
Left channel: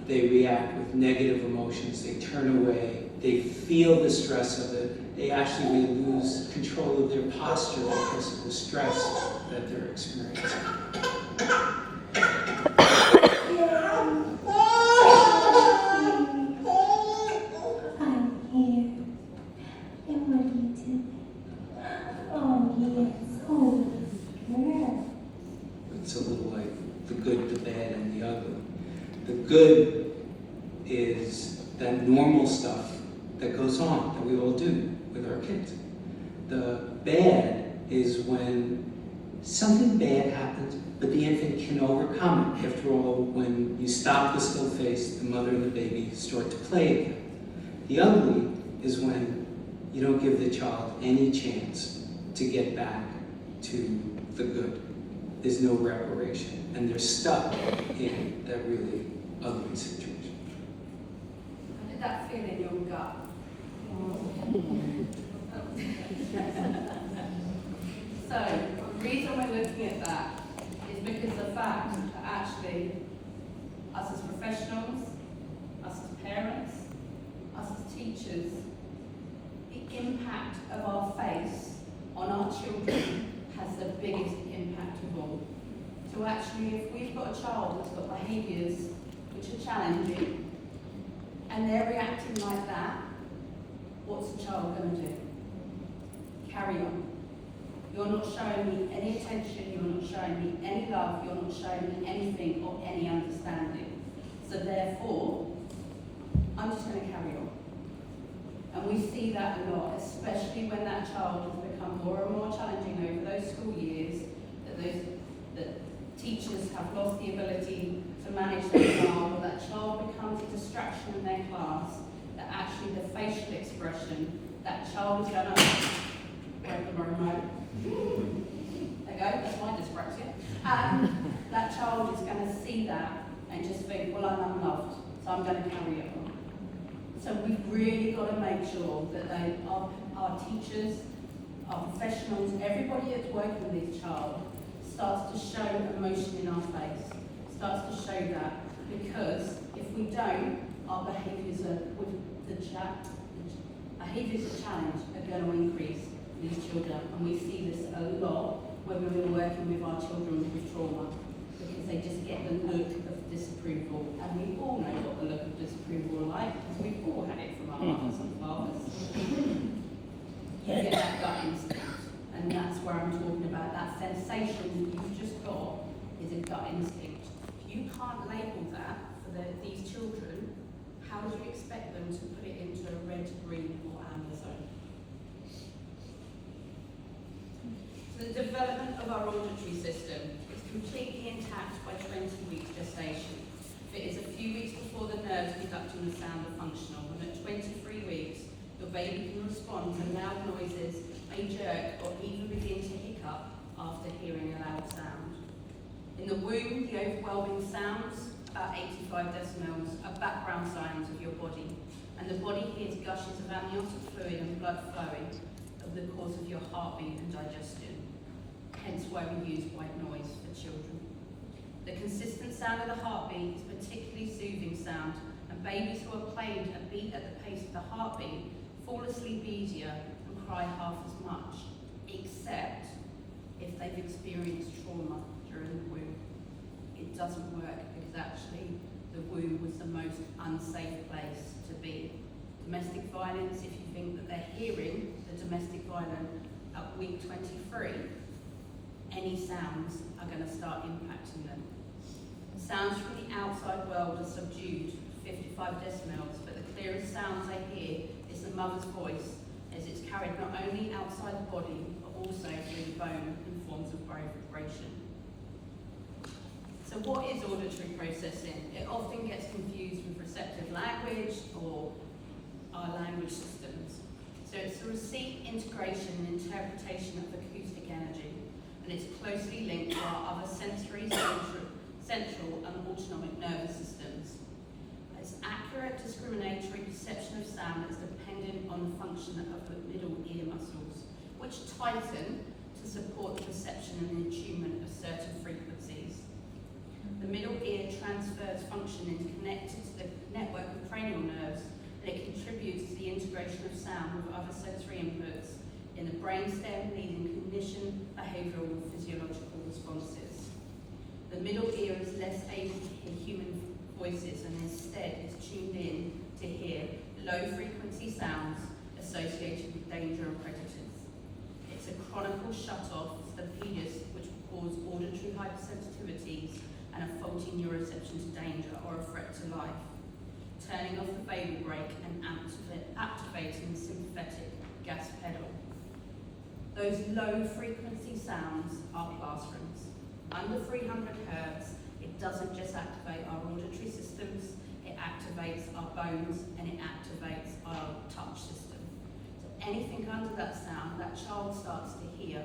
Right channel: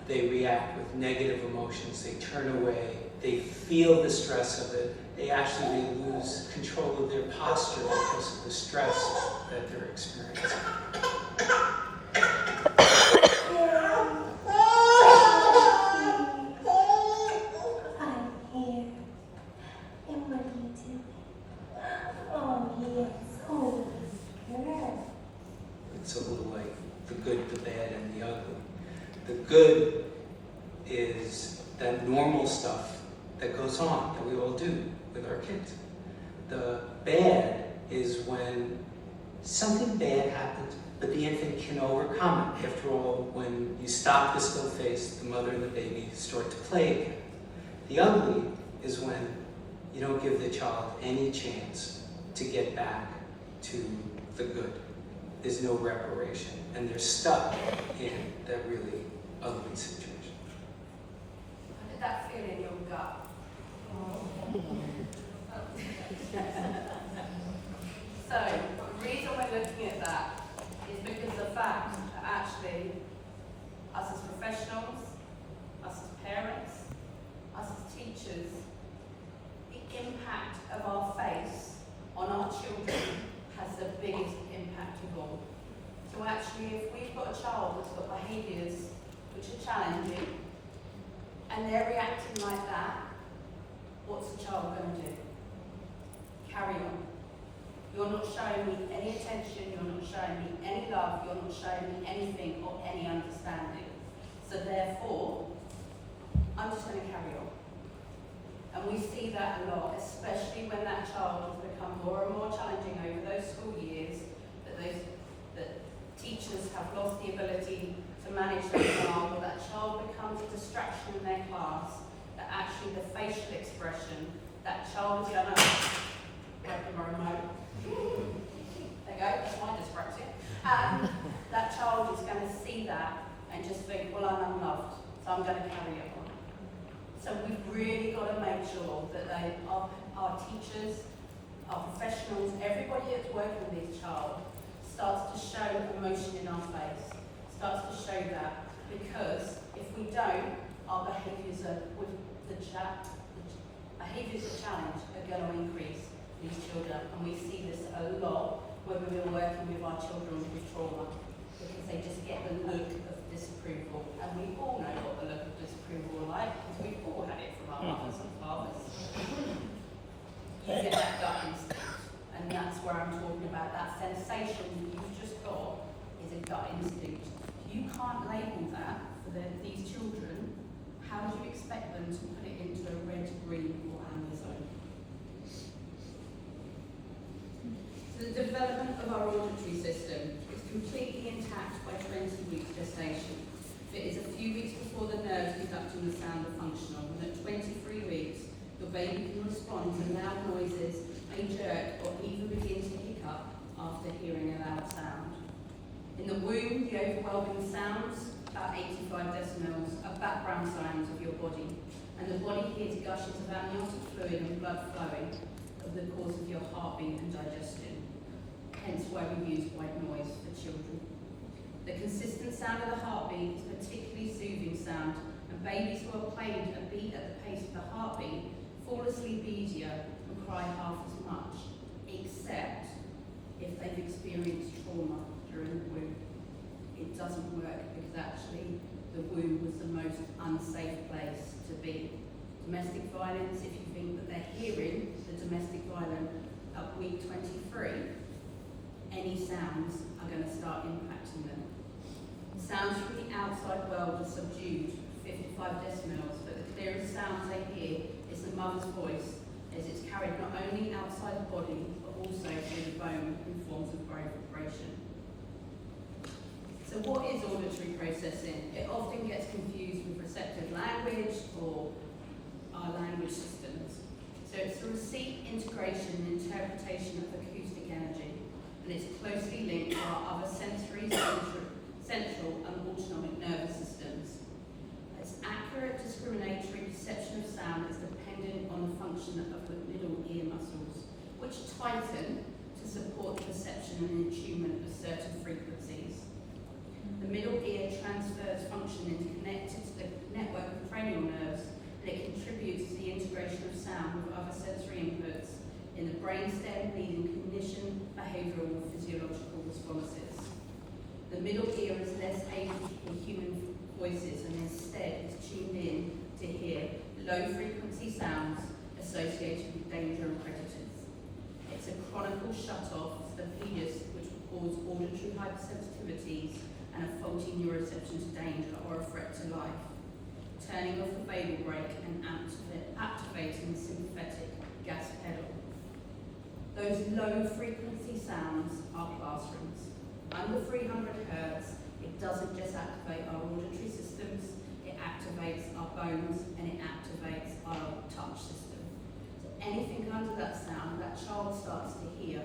they react with negative emotions, they turn away, they feel the stress of it, they actually may lose control of their posture because of the stress that they're experiencing. I'm here. And what are you doing? Oh, yes. Oh, girl. It's a little like the good, the bad, and the ugly. The good is that when something bad happens, but the infant can overcome it. After all, when you stop the still face, the mother and the baby start to play again. The ugly is when you don't give the child any chance to get back to the good. There's no reparation, and they're stuck in that really ugly situation. How did that feel in your gut? So, the reason we're looking at that is because the fact that actually, us as professionals, us as parents, us as teachers, the impact of our face on our children has the biggest impact of all. So actually, if we've got a child that's got behaviours which are challenging, and they're reacting like that, what's the child going to do? Carry on. You're not showing me any attention, you're not showing me any love, you're not showing me anything or any understanding. So therefore, I'm just going to carry on. And we see that a lot, especially when that child has become more and more challenging over those school years, that teachers have lost the ability to manage their child, or that child becomes a distraction in their class, that actually the facial expression, that child is going to there you go, that's my dyspraxia. That child is going to see that and just think, well, I'm unloved, so I'm going to carry it on. So we've really got to make sure that our teachers, our professionals, everybody that's working with this child starts to show emotion in our face, starts to show that, because if we don't, our behaviours behaviours of challenge are going to increase in these children, and we see this a lot when we're working with our children with trauma, because they just get the look of disapproval, and we all know what the look of disapproval are like, because we've all had it from our mothers and fathers. You get that gut instinct, and that's where I'm talking about that sensation you've just got is a gut instinct. If you can't label that for these children, how would you expect them to put it into a red, green, or amber zone? So the development of our auditory system is completely intact by 20 weeks gestation. It is a few weeks before the nerves conducting the sound are functional, and at 23 weeks, your baby can respond to loud noises, may jerk, or even begin to hiccup after hearing a loud sound. In the womb, the overwhelming sounds, about 85 decibels, are background sounds of your body, and the body hears gushes of amniotic fluid and blood flowing of the cause of your heartbeat and digestion. Hence why we use white noise for children. The consistent sound of the heartbeat is a particularly soothing sound, and babies who are played a beat at the pace of the heartbeat fall asleep easier and cry half as much, except if they've experienced trauma during the womb. It doesn't work because actually the womb was the most unsafe place to be. Domestic violence, if you think that they're hearing the domestic violence at week 23, any sounds are going to start impacting them. Sounds from the outside world are subdued, 55 decibels, but the clearest sounds they hear is the mother's voice, as it's carried not only outside the body, but also through the bone in forms of vibration. So what is auditory processing? It often gets confused with receptive language or our language systems. So it's the receipt, integration, and interpretation of acoustic energy, and it's closely linked to our other sensory, central and autonomic nervous systems. Its accurate discriminatory perception of sound is dependent on the function of the middle ear muscles, which tighten to support the perception and attunement of certain frequencies. The middle ear transfers function and is connected to the network of cranial nerves, and it contributes to the integration of sound with other sensory inputs in the brainstem, leading cognition, behavioural and physiological responses. The middle ear is less able to hear human voices and instead is tuned in to hear low-frequency sounds associated with danger and predators. It's a chronicle shut-off to the pedis, which will cause auditory hypersensitivities and a faulty neuroception to danger or a threat to life, turning off the vagal brake and activating the sympathetic gas pedal. Those low frequency sounds are classrooms. Under 300 hertz, it doesn't just activate our auditory systems, it activates our bones and it activates our touch system. So anything under that sound, that child starts to hear.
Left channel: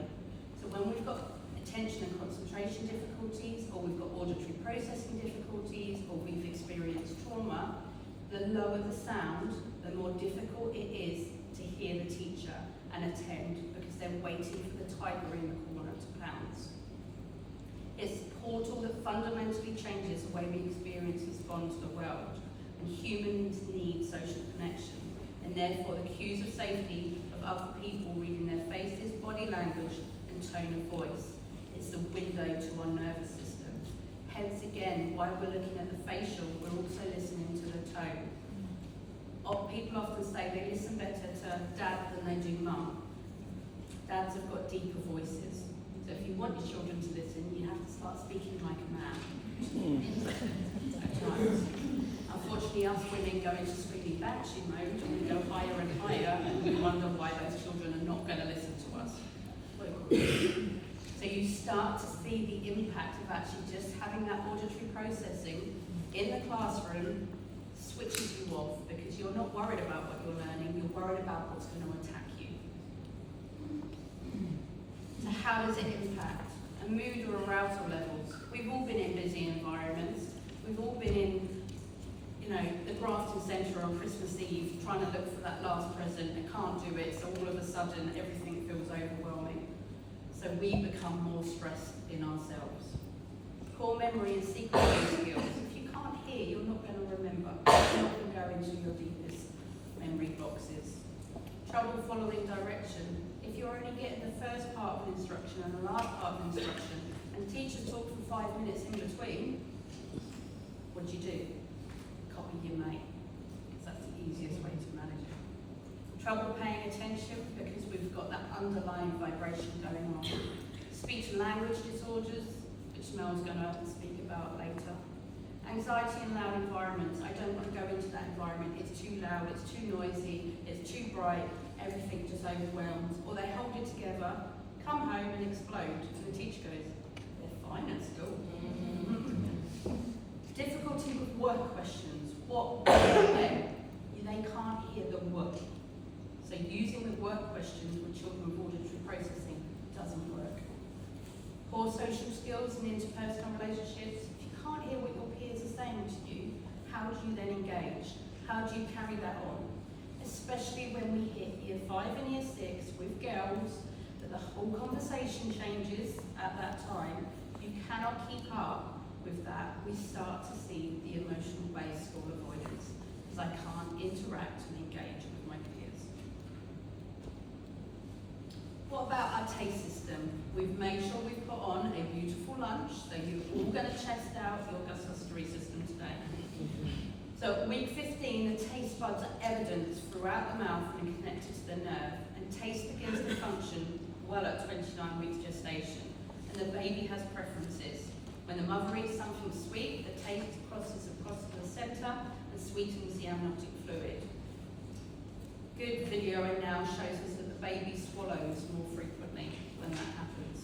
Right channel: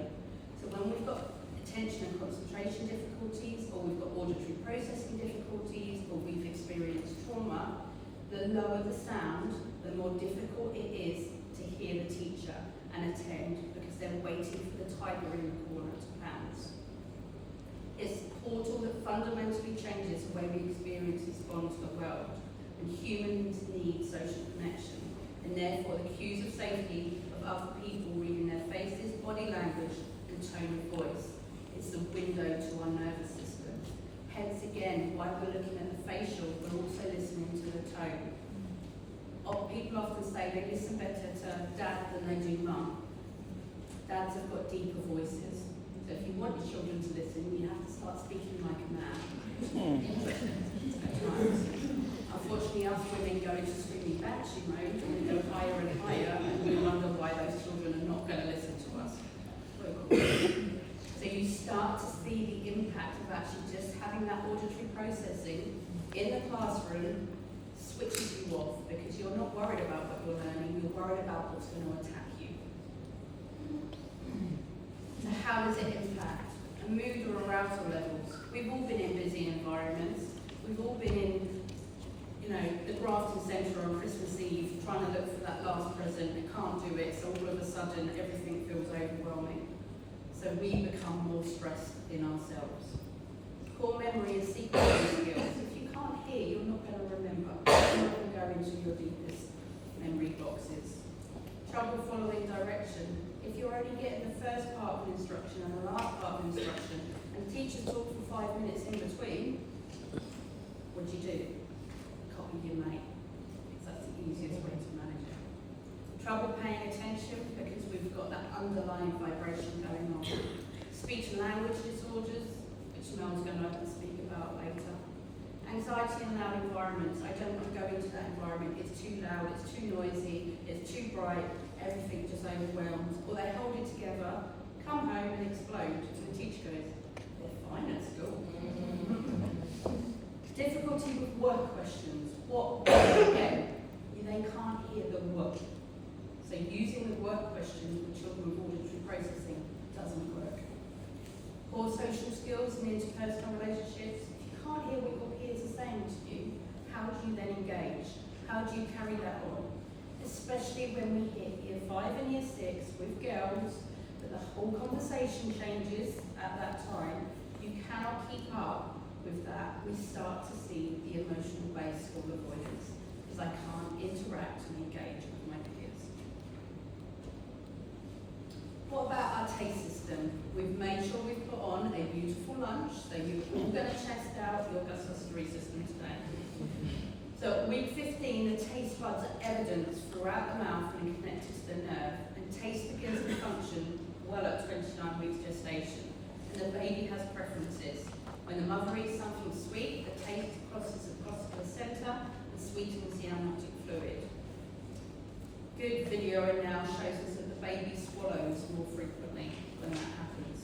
So when we've got attention and concentration difficulties, or we've got auditory processing difficulties, or we've experienced trauma, the lower the sound, the more difficult it is to hear the teacher and attend, because they're waiting for the tiger in the corner to pounce. It's a portal that fundamentally changes the way we experience and respond to the world, and humans need social connection, and therefore the cues of safety of other people reading their faces, body language, and tone of voice. It's the window to our nervous system. Hence again, while we're looking at the facial, we're also listening to the tone. People often say they listen better to dad than they do mum. Dads have got deeper voices. So if you want your children to listen, you have to start speaking like a man. Unfortunately, us women go into screaming banshee mode and we go higher and higher, and we wonder why those children are not going to listen to us. So you start to see the impact of actually just having that auditory processing in the classroom switches you off, because you're not worried about what you're learning, you're worried about what's going to attack you. So how does it impact? A mood or arousal levels. We've all been in busy environments. We've all been in, the Grafton Centre on Christmas Eve trying to look for that last present and can't do it, so all of a sudden everything feels overwhelming. So we become more stressed in ourselves. Core memory and sequencing skills. If you can't hear, you're not going to remember. You're not going to go into your deepest memory boxes. Trouble following direction. If you're only getting the first part of an instruction and the last part of an instruction, and the teacher talks for 5 minutes in between, what do? Copy your mate. Because that's the easiest way to manage it. Trouble paying attention, because we've got that underlying vibration going on. Speech and language disorders, which Mel's going to speak about later. Anxiety in loud environments. I don't want to go into that environment. It's too loud, it's too noisy, it's too bright, everything just overwhelms. Or they hold it together, come home and explode. And the teacher goes, they're fine at school. Difficulty with work questions. What? They can't hear the word. So using the work questions with children with auditory processing doesn't work. Poor social skills and interpersonal relationships. If you can't hear what your peers are saying to you, how do you then engage? How do you carry that on? Especially when we hit year 5 and year 6 with girls, that the whole conversation changes at that time. You cannot keep up with that. We start to see the emotional based school avoidance, because I can't interact and engage with my peers. What about our taste system? We've made sure we've put on a beautiful lunch, so you're all going to test out your gustatory system today. So week 15, the taste buds are evident throughout the mouth and connected to the nerve, and taste begins to function well at 29 weeks gestation, and the baby has preferences. When the mother eats something sweet, the taste crosses across the placenta and sweetens the amniotic fluid. Good video now shows us that the baby swallows more frequently when that happens.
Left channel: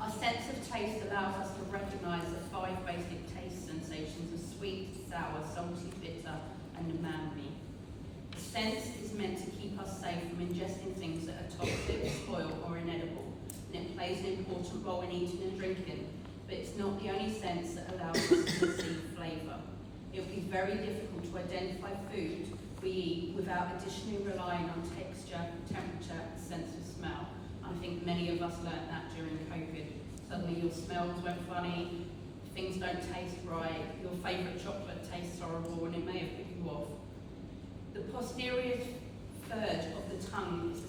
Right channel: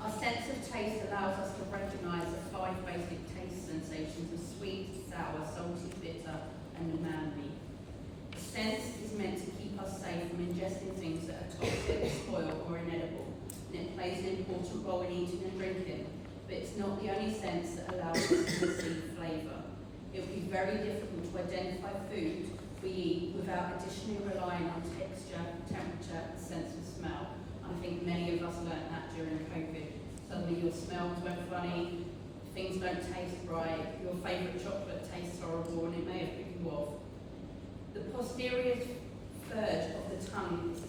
Our sense of taste allows us to recognise the 5 basic taste sensations of sweet, sour, salty, bitter, and umami. The sense is meant to keep us safe from ingesting things that are toxic, spoiled, or inedible, and it plays an important role in eating and drinking, but it's not the only sense that allows us to perceive flavour. It would be very difficult to identify food we eat without additionally relying on texture, temperature, and sense of smell. I think many of us learnt that during COVID. Suddenly your smells went funny, things don't taste right, your favourite chocolate tastes horrible, and it may have put you off. The posterior third of the tongue is the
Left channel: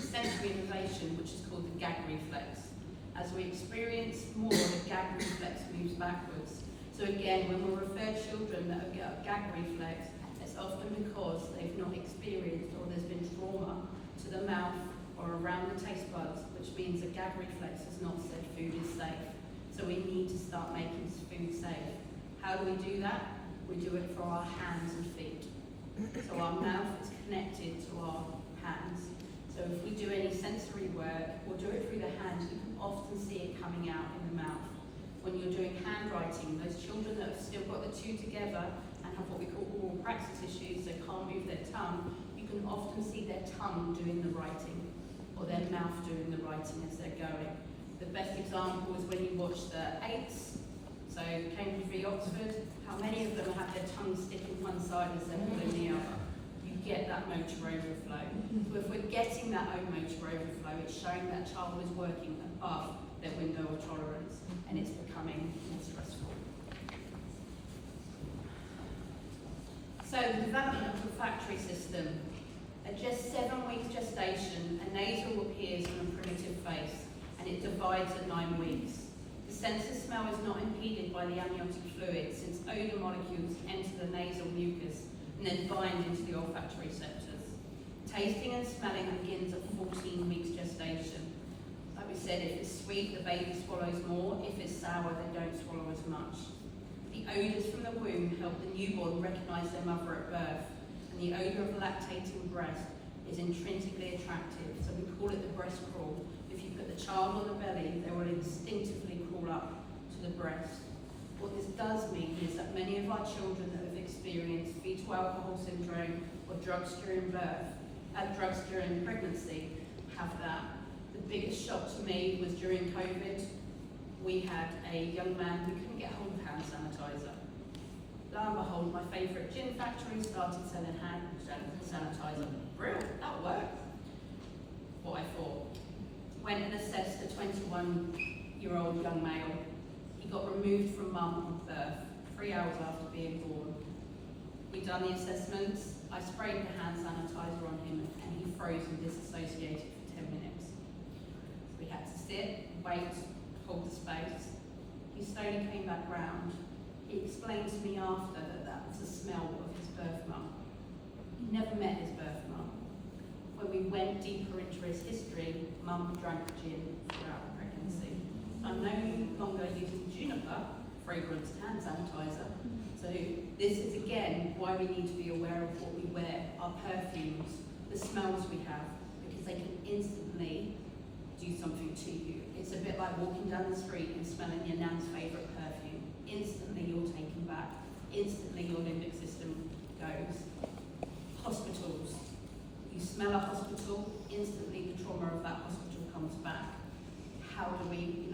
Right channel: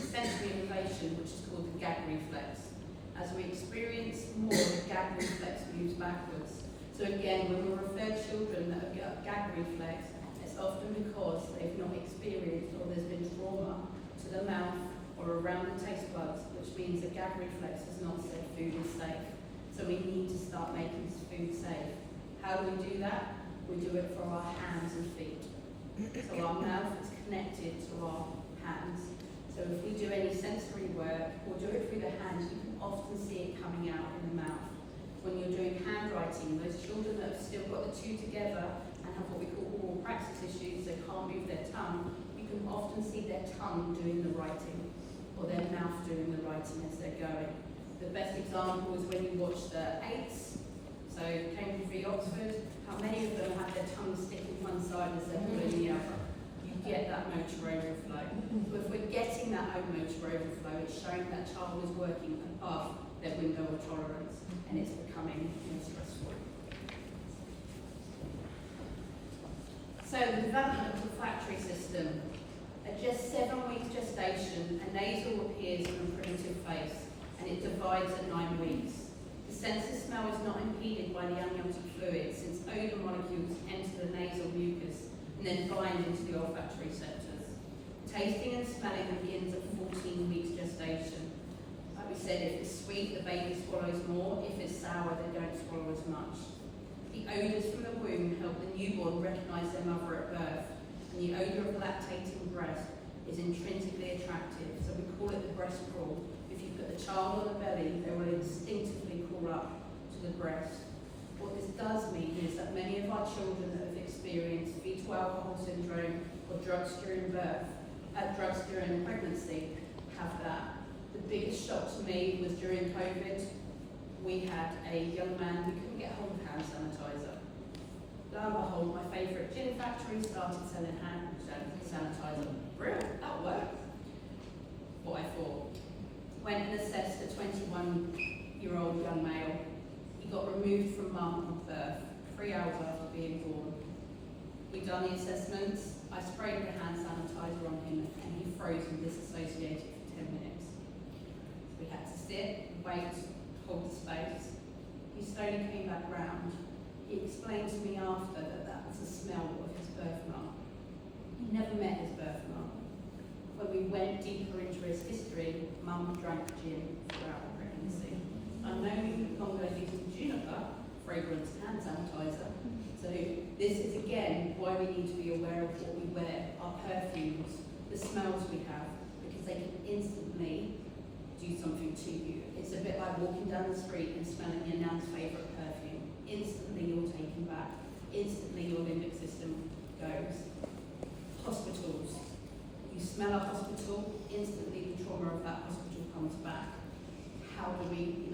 sensory innervation, which is called the gag reflex. As we experience more, the gag reflex moves backwards. So again, when we refer children that have got gag reflex, it's often because they've not experienced or there's been trauma to the mouth or around the taste buds, which means the gag reflex has not said food is safe. So we need to start making food safe. How do we do that? We do it for our hands and feet. So our mouth is connected to our hands. So So if we do any sensory work or do it through the hands, you can often see it coming out in the mouth. When you're doing handwriting, those children that have still got the two together and have what we call oral praxis issues, they can't move their tongue, you can often see their tongue doing the writing or their mouth doing the writing as they're going. The best example is when you watch the 8s, so Cambridge v Oxford, how many of them have their tongue sticking one side as they're pulling the other? You get that motor overflow. So if we're getting that motor overflow, it's showing that child is working above their window of tolerance and it's becoming more stressful. So the development of the olfactory system. At just 7 weeks gestation, a nasal appears in a primitive phase and it divides at 9 weeks. The sense of smell is not impeded by the amniotic fluid since odour molecules enter the nasal mucus and then bind into the olfactory receptors. Tasting and smelling begins at 14 weeks gestation. Like we said, if it's sweet, the baby swallows more. If it's sour, they don't swallow as much. The odours from the womb help the newborn recognise their mother at birth, and the odour of lactating breast is intrinsically attractive, so we call it the breast crawl. If you put the child on the belly, they will instinctively crawl up to the breast. What this does mean is that many of our children that have experienced fetal alcohol syndrome or drugs during pregnancy have that. The biggest shock to me was during COVID. We had a young man who couldn't get hold of hand sanitizer. Lo and behold, my favourite gin factory started selling hand sanitizer. Brilliant, that worked. What I thought. Went and assessed a 21-year-old young male. He got removed from mum at birth, 3 hours after being born. We'd done the assessments. I sprayed the hand sanitizer on him and he froze and disassociated for 10 minutes. We had to sit, wait, hold the space. He slowly came back round. He explained to me after that that was the smell of his birth mum. He never met his birth mum. When we went deeper into his history, mum drank gin throughout the pregnancy. I'm no longer using juniper fragrance hand sanitizer. So this is again why we need to be aware of what we wear, our perfumes, the smells we have, because they can instantly do something to you. It's a bit like walking down the street and smelling your nan's favourite perfume. Instantly you're taken back. Instantly your limbic system goes. Hospitals. You smell a hospital, instantly the trauma of that hospital comes back. How do we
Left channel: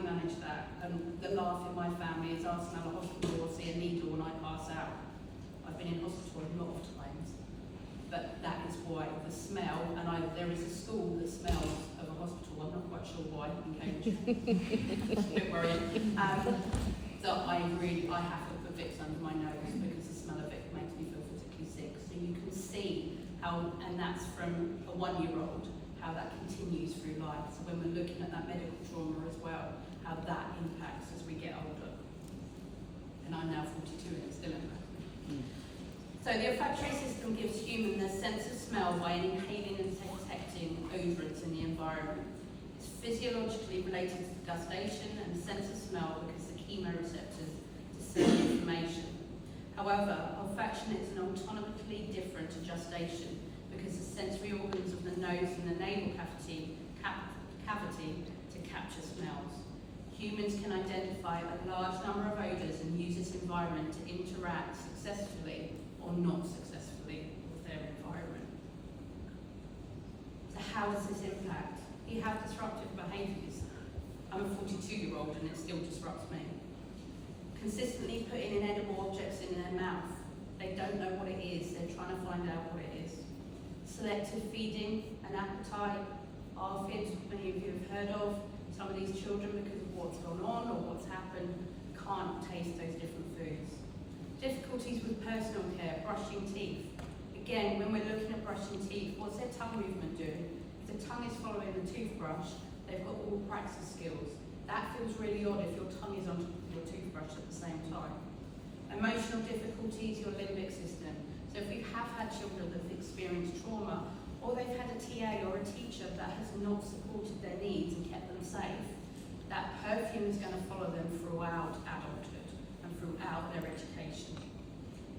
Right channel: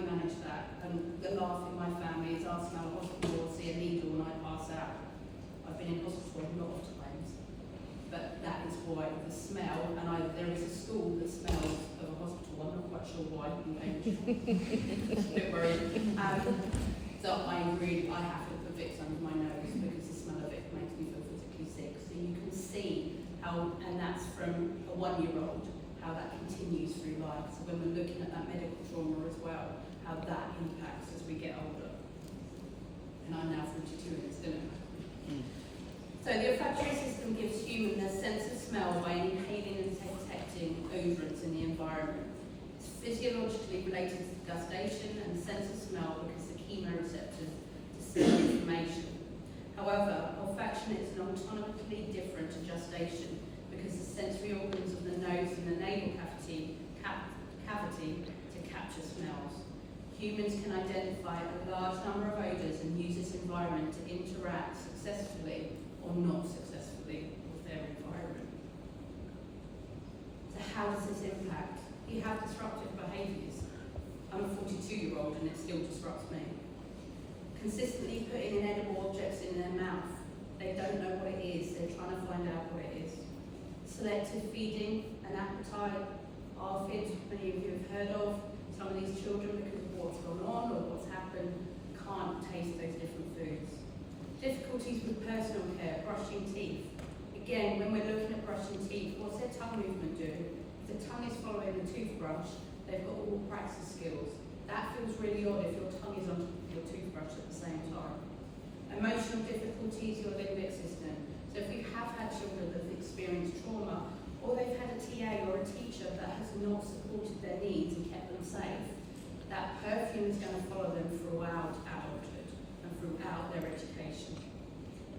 manage that? And the laugh in my family is I'll smell a hospital or see a needle and I pass out. I've been in hospital a lot of times. But that is why the smell, and there is a school that smells of a hospital. I'm not quite sure why in Cambridge. A bit worried. So I have to put Vicks under my nose because the smell of it makes me feel physically sick. So you can see how, and that's from a 1-year-old, how that continues through life. So when we're looking at that medical trauma as well, how that impacts as we get older. And I'm now 42 and it's still impacting. So the olfactory system gives humans a sense of smell by inhaling and detecting odours in the environment. It's physiologically related to gustation and the sense of smell because the chemoreceptors dispense information. However, olfaction is autonomically different to gestation because the sensory organs of the nose and the nasal cavity to capture smells. Humans can identify a large number of odours and use this environment to interact successfully or not successfully with their environment. So how does this impact? You have disruptive behaviours. I'm a 42-year-old and it still disrupts me. Consistently putting inedible objects in their mouth. They don't know what it is, they're trying to find out what it is. Selective feeding and appetite, ARFID, many of you have heard of. Some of these children, because of what's gone on or what's happened, can't taste those different foods. Difficulties with personal care, brushing teeth. Again, when we're looking at brushing teeth, what's their tongue movement doing? If the tongue is following the toothbrush, they've got all praxis skills. That feels really odd if your tongue is on your toothbrush at the same time. Emotional difficulties, your limbic system. So if we have had children that have experienced trauma, or they've had a TA or a teacher that has not supported their needs and kept them safe, that perfume is going to follow them throughout adulthood and throughout their education.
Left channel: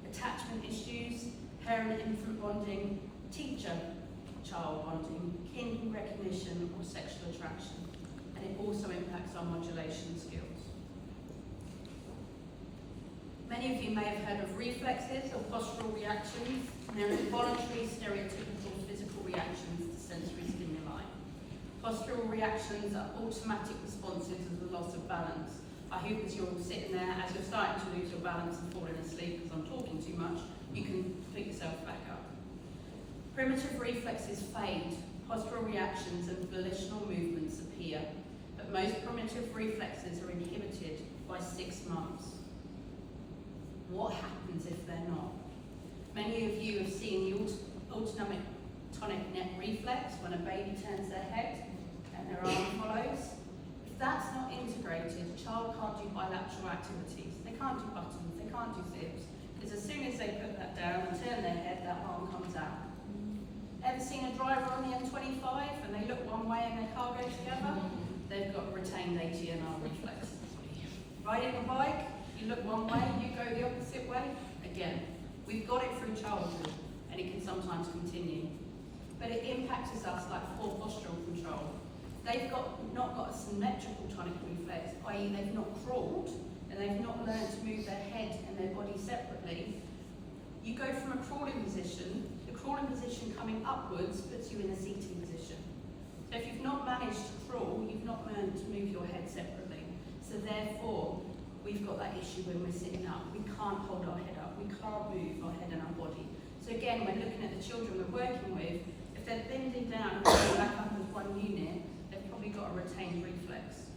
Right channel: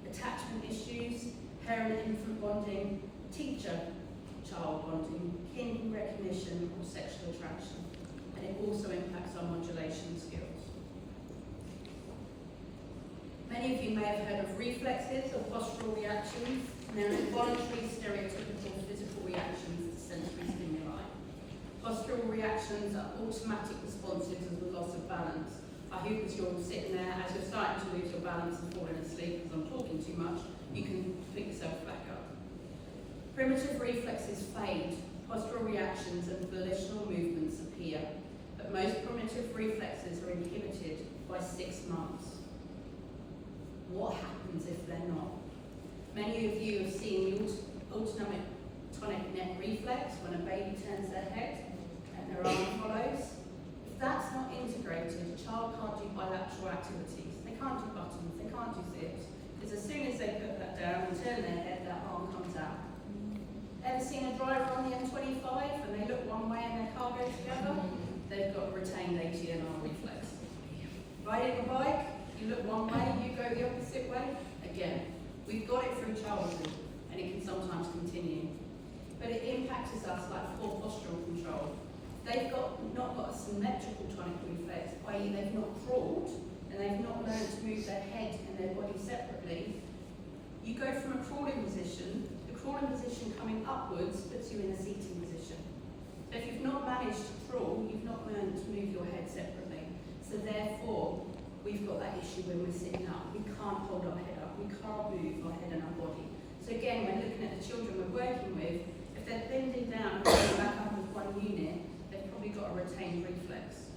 Attachment issues, parent-infant bonding, teacher, child bonding, kin recognition, or sexual attraction. And it also impacts on modulation skills. Many of you may have heard of reflexes or postural reactions. They're involuntary, stereotypical physical reactions to sensory stimuli. Postural reactions are automatic responses to the loss of balance. I hope as you're all sitting there, as you're starting to lose your balance and falling asleep because I'm talking too much, you can pick yourself back up. Primitive reflexes fade, postural reactions and volitional movements appear, but most primitive reflexes are inhibited by 6 months. What happens if they're not? Many of you have seen the autonomic tonic neck reflex when a baby turns their head and their arm follows. If that's not integrated, a child can't do bilateral activities. They can't do buttons, they can't do zips, because as soon as they put that down and turn their head, that arm comes out. Ever seen a driver on the M25 and they look one way and their car goes together? They've got a retained ATNR reflex. Riding a bike, you look one way, you go the opposite way. Again, we've got it through childhood and it can sometimes continue. But it impacts us like poor postural control. They've not got a symmetrical tonic reflex, i.e. they've not crawled and they've not learned to move their head and their body separately. You go from a crawling position, the crawling position coming upwards puts you in a seating position. So if you've not managed to crawl, you've not learned to move your head separately. So therefore, we've got that issue when we're sitting up. We can't hold our head up. We can't move our head and our body. So again, when looking at the children we're working with, if they're bending down and going back up as one unit, they've probably got a retained reflex.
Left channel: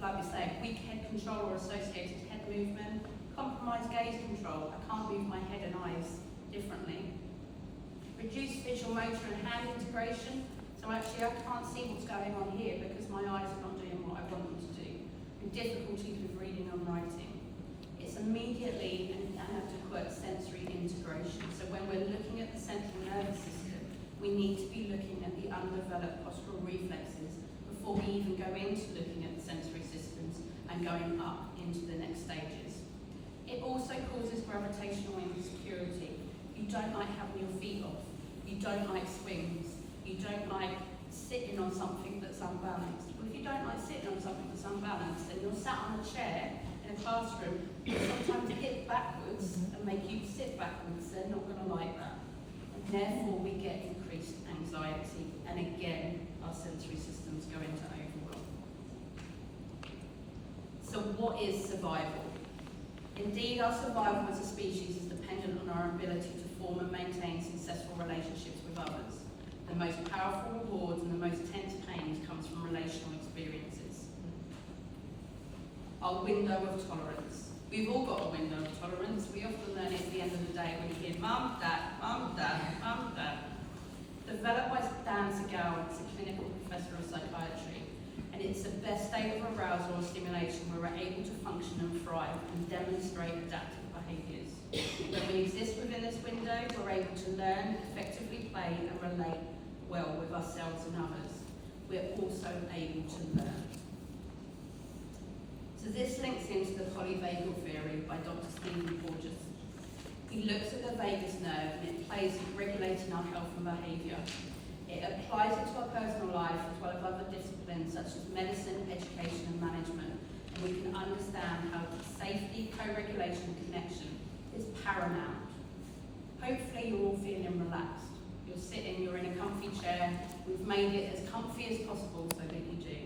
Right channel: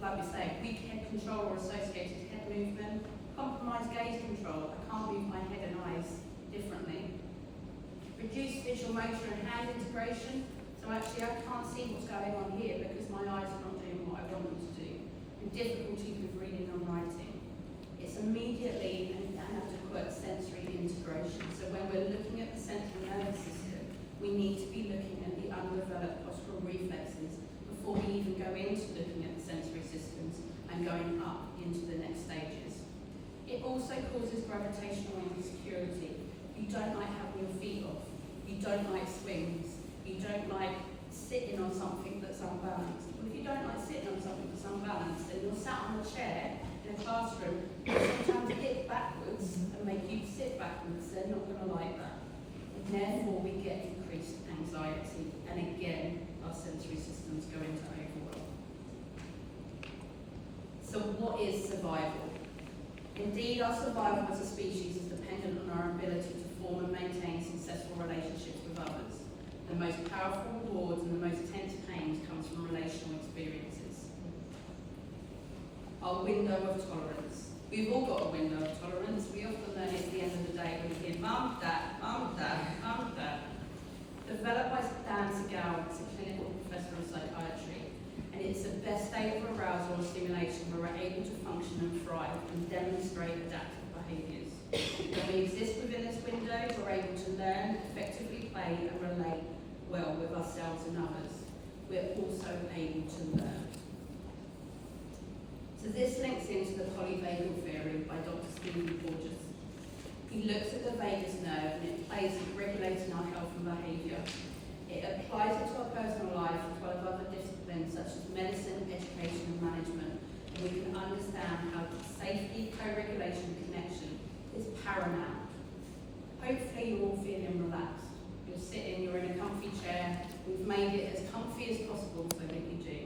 Like we say, weak head control or associated head movement, compromised gaze control. I can't move my head and eyes differently. Reduced visual motor and hand integration. So actually I can't see what's going on here because my eyes are not doing what I want them to do. And difficulties with reading and writing. It's immediately an inadequate sensory integration. So when we're looking at the central nervous system, we need to be looking at the undeveloped postural reflexes before we even go into looking at the sensory systems and going up into the next stages. It also causes gravitational insecurity. You don't like having your feet off. You don't like swings. You don't like sitting on something that's unbalanced. Well, if you don't like sitting on something that's unbalanced, then you're sat on a chair in a classroom, you sometimes dip backwards and make you sit backwards. They're not going to like that. And therefore, we get increased anxiety. And again, our sensory systems go into overwhelm. So what is survival? Indeed, our survival as a species is dependent on our ability to form and maintain successful relationships with others. The most powerful rewards and the most tense pains comes from relational experiences. Our window of tolerance. We've all got a window of tolerance. We often learn it at the end of the day when you hear mum, dad, mum, dad, mum, dad. Developed by Dan Segal, who's a clinical professor of psychiatry. And it's the best state of arousal or stimulation where we're able to function and thrive and demonstrate adaptive behaviours. When we exist within this window, we're able to learn, effectively play and relate well with ourselves and others. We're also able to learn. So this links into the polyvagal theory by Dr. Stephen Porges. He looks at the vagus nerve and it plays in regulating our health and behaviour. It applies it to our personal life as well as other disciplines such as medicine, education and management. And we can understand how safety, co-regulation and connection is paramount. Hopefully you're all feeling relaxed. You're sitting, you're in a comfy chair. We've made it as comfy as possible so that you do.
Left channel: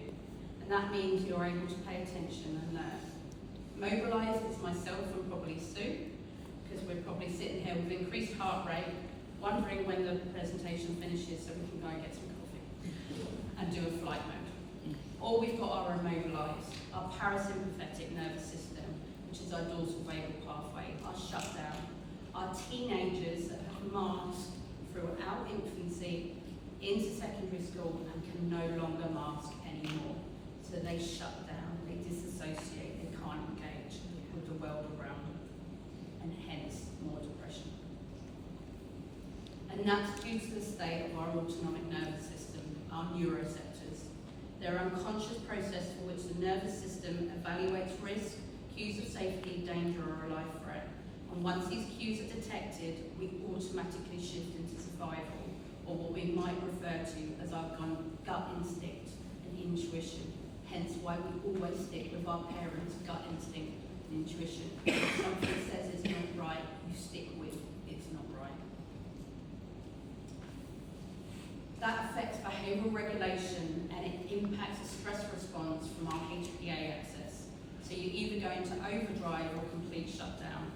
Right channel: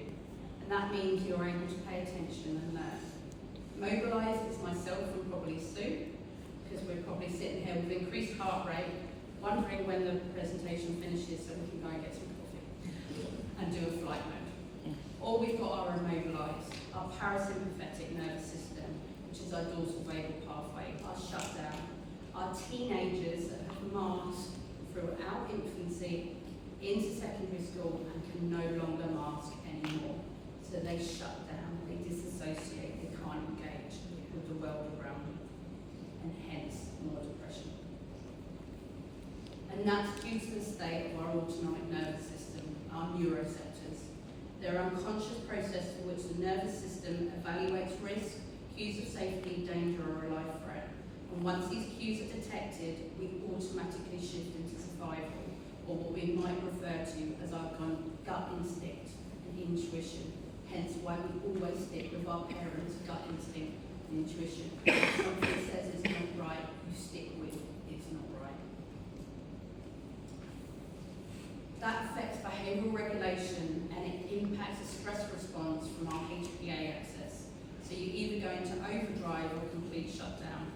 And that means you're able to pay attention and learn. Mobilise is myself and probably Sue, because we're probably sitting here with increased heart rate, wondering when the presentation finishes so we can go and get some coffee and do a flight mode. Or we've got our immobilise, our parasympathetic nervous system, which is our dorsal vagal pathway, our shutdown. Our teenagers that have masked throughout infancy into secondary school and can no longer mask anymore. So they shut down, they disassociate, they can't engage with the world around them, and hence more depression. And that's due to the state of our autonomic nervous system, our neuroreceptors. They're unconscious process for which the nervous system evaluates risk, cues of safety, danger, or a life threat. And once these cues are detected, we automatically shift into survival or what we might refer to as our gut instinct and intuition. Hence why we always stick with our parents' gut instinct and intuition. If something says it's not right, you stick with it's not right. That affects behavioural regulation and it impacts the stress response from our HPA axis. So you either go into overdrive or complete shutdown.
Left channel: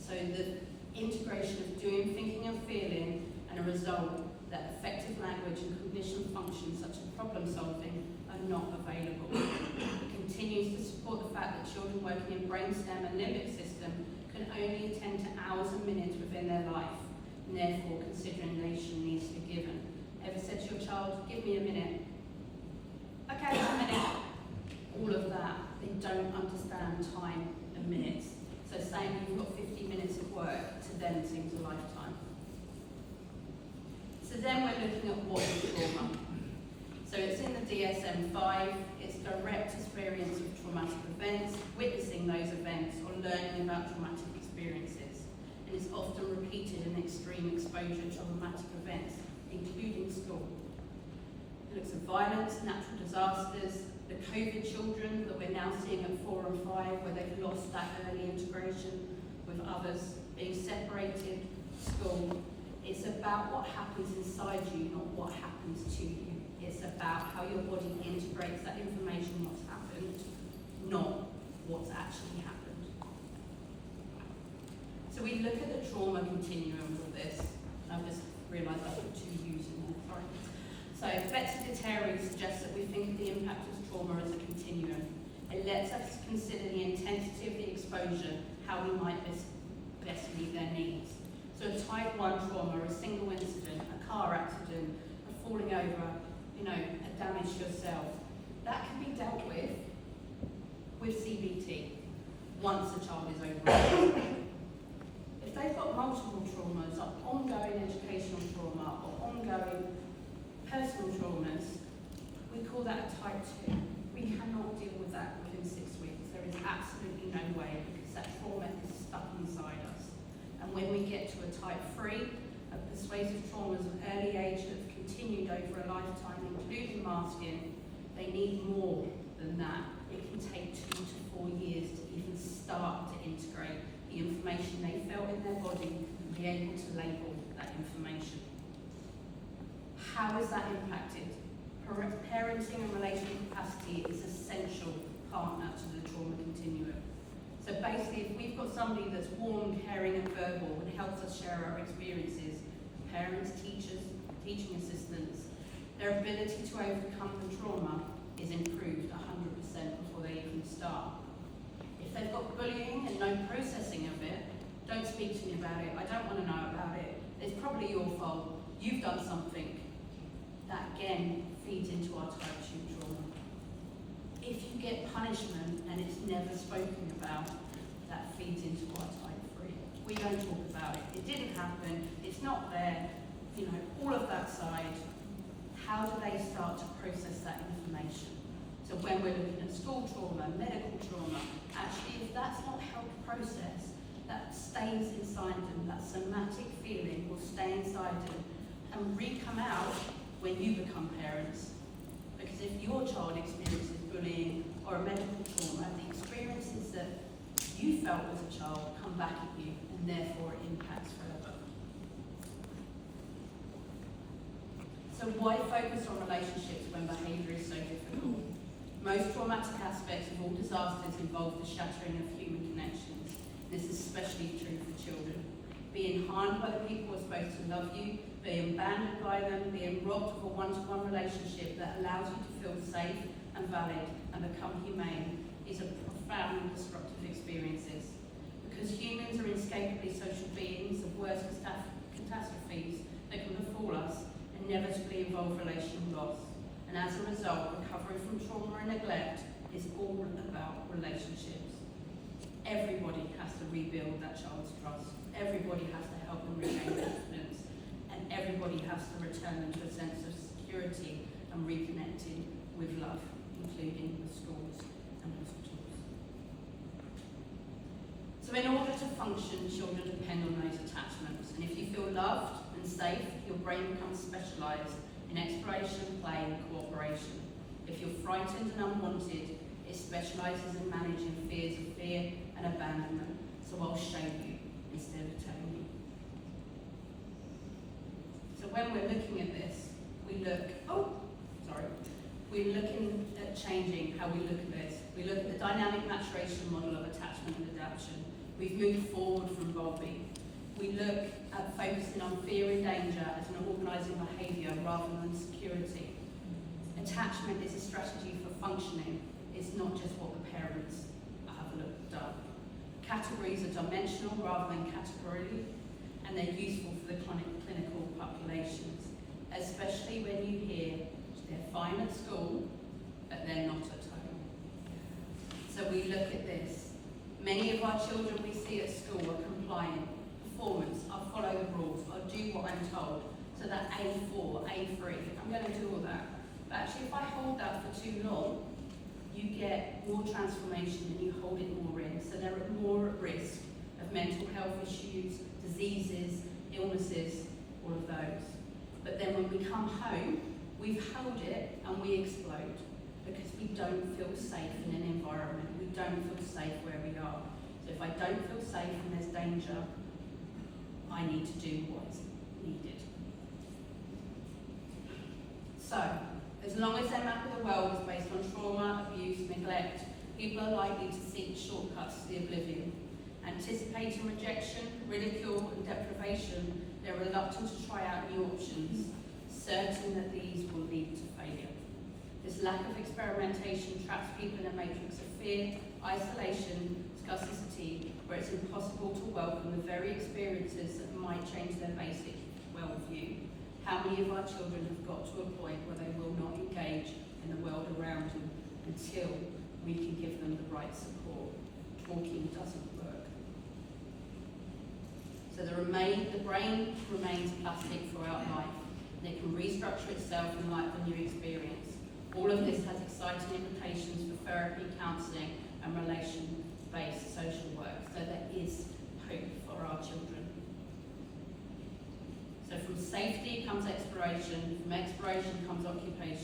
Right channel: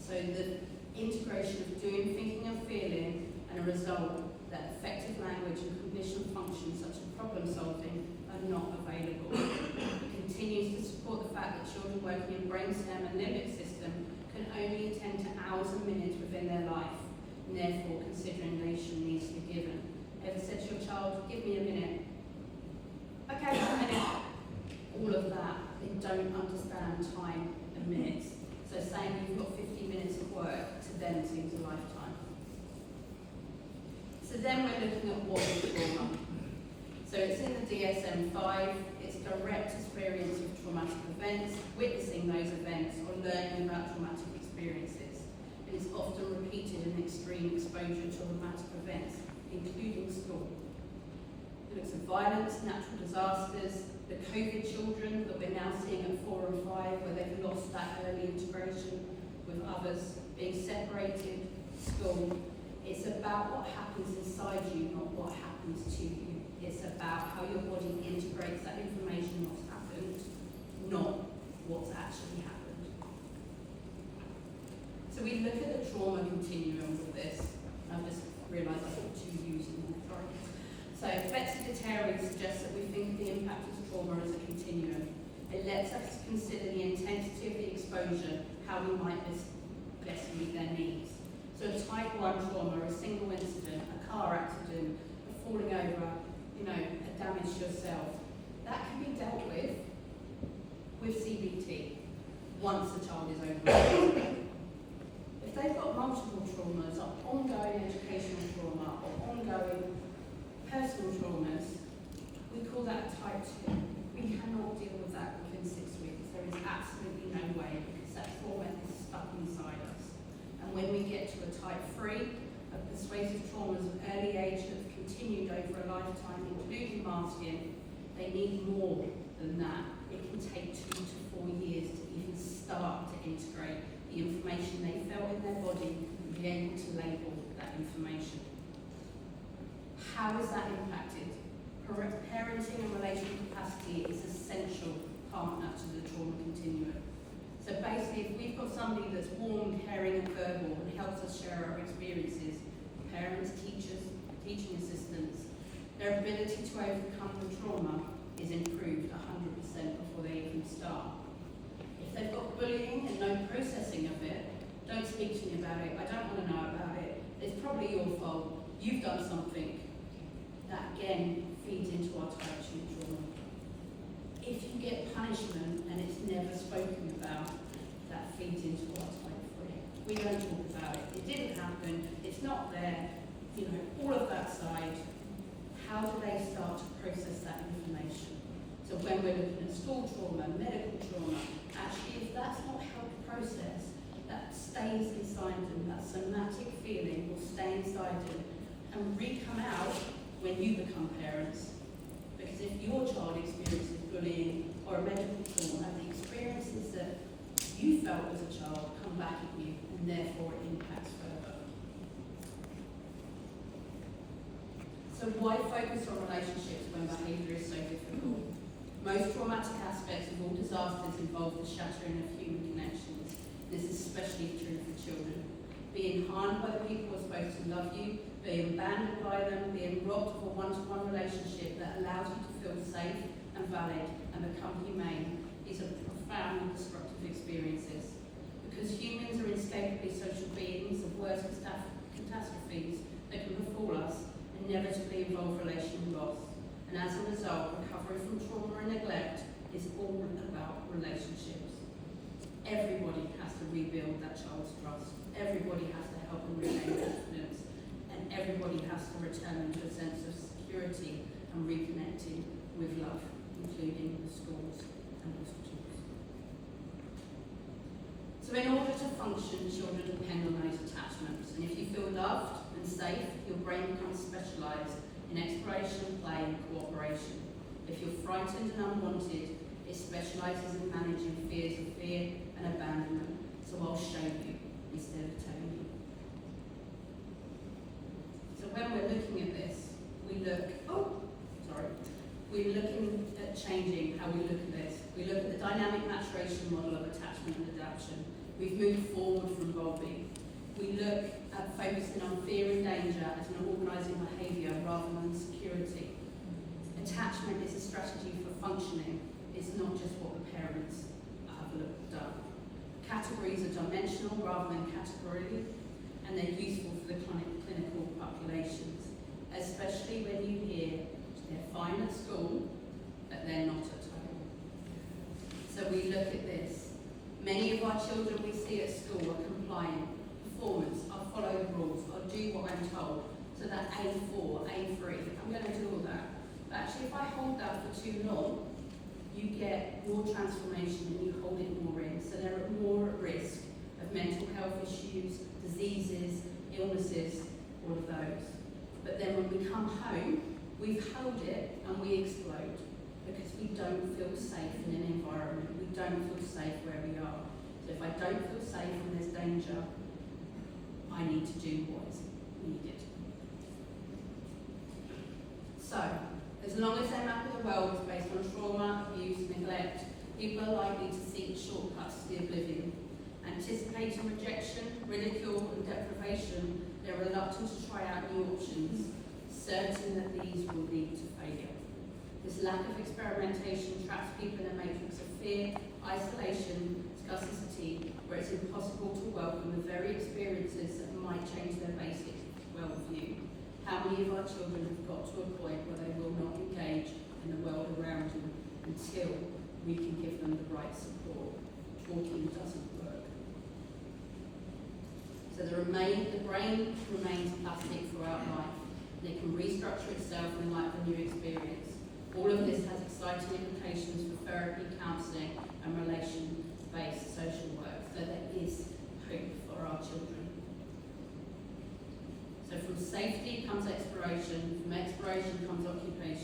So the integration of doing, thinking and feeling and a result that effective language and cognition functions such as problem solving are not available. It continues to support the fact that children working in brainstem and limbic system can only attend to hours and minutes within their life, and therefore consideration needs to be given. Ever said to your child, give me a minute? Okay, a minute. All of that, they don't understand time and minutes. So saying you've got 50 minutes of work to them seems a lifetime. So then we're looking at what is trauma. So it's in the DSM-5, it's direct experience of traumatic events, witnessing those events or learning about traumatic experiences. And it's often repeated in extreme exposure to traumatic events, including school. It looks at violence, natural disasters, the COVID children that we're now seeing at 4 and 5, where they've lost that early integration with others, being separated, school. It's about what happens inside you, not what happens to you. It's about how your body integrates that information, what's happened, not what's actually happened. So we look at the trauma continuum with this. I've just realised I put 2 U's in there, sorry. So Betsy Deteri suggests that we think of the impact of trauma as a continuum. It lets us consider the intensity of the exposure, how we might best meet their needs. So a type 1 trauma, a single incident, a car accident, a falling over, a damage to yourself, that can be dealt with CBT once the child is over. If they've got multiple traumas, or ongoing educational trauma, or ongoing personal traumas, we call that a type 2. We cannot deal with that within 6 weeks. There is absolutely no way because that trauma is stuck inside us. And when we get to a type 3, of persuasive traumas of early age that have continued over a lifetime, including masking, they need more than that. It can take 2 to 4 years to even start to integrate the information they felt in their body and be able to label that information. How is that impacted? Parenting and relational capacity is an essential partner to the trauma continuum. So basically, if we've got somebody that's warm, caring and verbal and helps us share our experiences, parents, teachers, teaching assistants, their ability to overcome the trauma is improved 100% before they even start. If they've got bullying and no processing of it, don't speak to me about it, I don't want to know about it, it's probably your fault, you've done something. That again feeds into our type 2 trauma. If you get punishment and it's never spoken about, that feeds into our type 3. We don't talk about it. It didn't happen. It's not there. All of that side. How do they start to process that information? So when we're looking at school trauma, medical trauma, actually if that's not helped process, that stays inside them. That somatic feeling will stay inside them and re-come out when you become parents. Because if your child experiences bullying or a medical trauma, the experiences that you felt as a child come back at you and therefore it impacts further. So why focus on relationships when behaviour is so difficult? Most traumatic aspects of all disasters involve the shattering of human connections. This is especially true for children. Being harmed by the people who are supposed to love you, being abandoned by them, being robbed of a one-to-one relationship that allows you to feel safe and valid and become humane is a profoundly disruptive experiences. Because humans are inescapably social beings, the worst catastrophes that can befall us inevitably involve relational loss. And as a result, recovery from trauma and neglect is all about relationships. Everybody has to rebuild that child's trust. Everybody has to help them regain confidence. And everybody has to return them to a sense of security and reconnecting with love, including the schools and hospitals. So in order to function, children depend on those attachments. And if you feel loved, and safe, your brain becomes specialised in exploration, play and cooperation. If you're frightened and unwanted, it specialises in managing fears of fear and abandonment. So I'll show you instead of telling you. So when we're looking at this, we're looking at changing how we look at this. We look at the dynamic maturation model of attachment and adaptation. We've moved forward from Bowlby. We look at focusing on fear and danger as an organising behaviour rather than security. Attachment is a strategy for functioning. It's not just what the parents have done. Categories are dimensional rather than categorially, and they're useful for the clinical populations, especially when you hear they're fine at school, but they're not at home. So we look at this. Many of our children we see at school are compliant, performance, I'll follow the rules, I'll do what I'm told. So that A4, A3, I'm going to do all that. But actually, if I hold that for too long, you get more transformation and you hold it more in. So they're more at risk of mental health issues, diseases, illnesses, all of those. But then when we come home, we've held it and we explode because we don't feel safe in an environment. We don't feel safe where we are. So if I don't feel safe and there's danger, I need to do what's needed. So, as long as their map of the world is based on trauma, abuse, neglect, people are likely to seek shortcuts to the oblivion. Anticipating rejection, ridicule and deprivation, they're reluctant to try out new options, certain that these will lead to failure. This lack of experimentation traps people in a matrix of fear, isolation, scarcity, where it's impossible to welcome the very experiences that might change their basic worldview. How many of our children have got to a point where they will not engage in the world around them until we can give them the right support? Talking doesn't work. So the brain remains plastic throughout life, and it can restructure itself in light of a new experience. All of this has exciting implications for therapy, counselling, and relation-based social work. So there is hope for our children. So from safety comes exploration, from exploration comes occupation,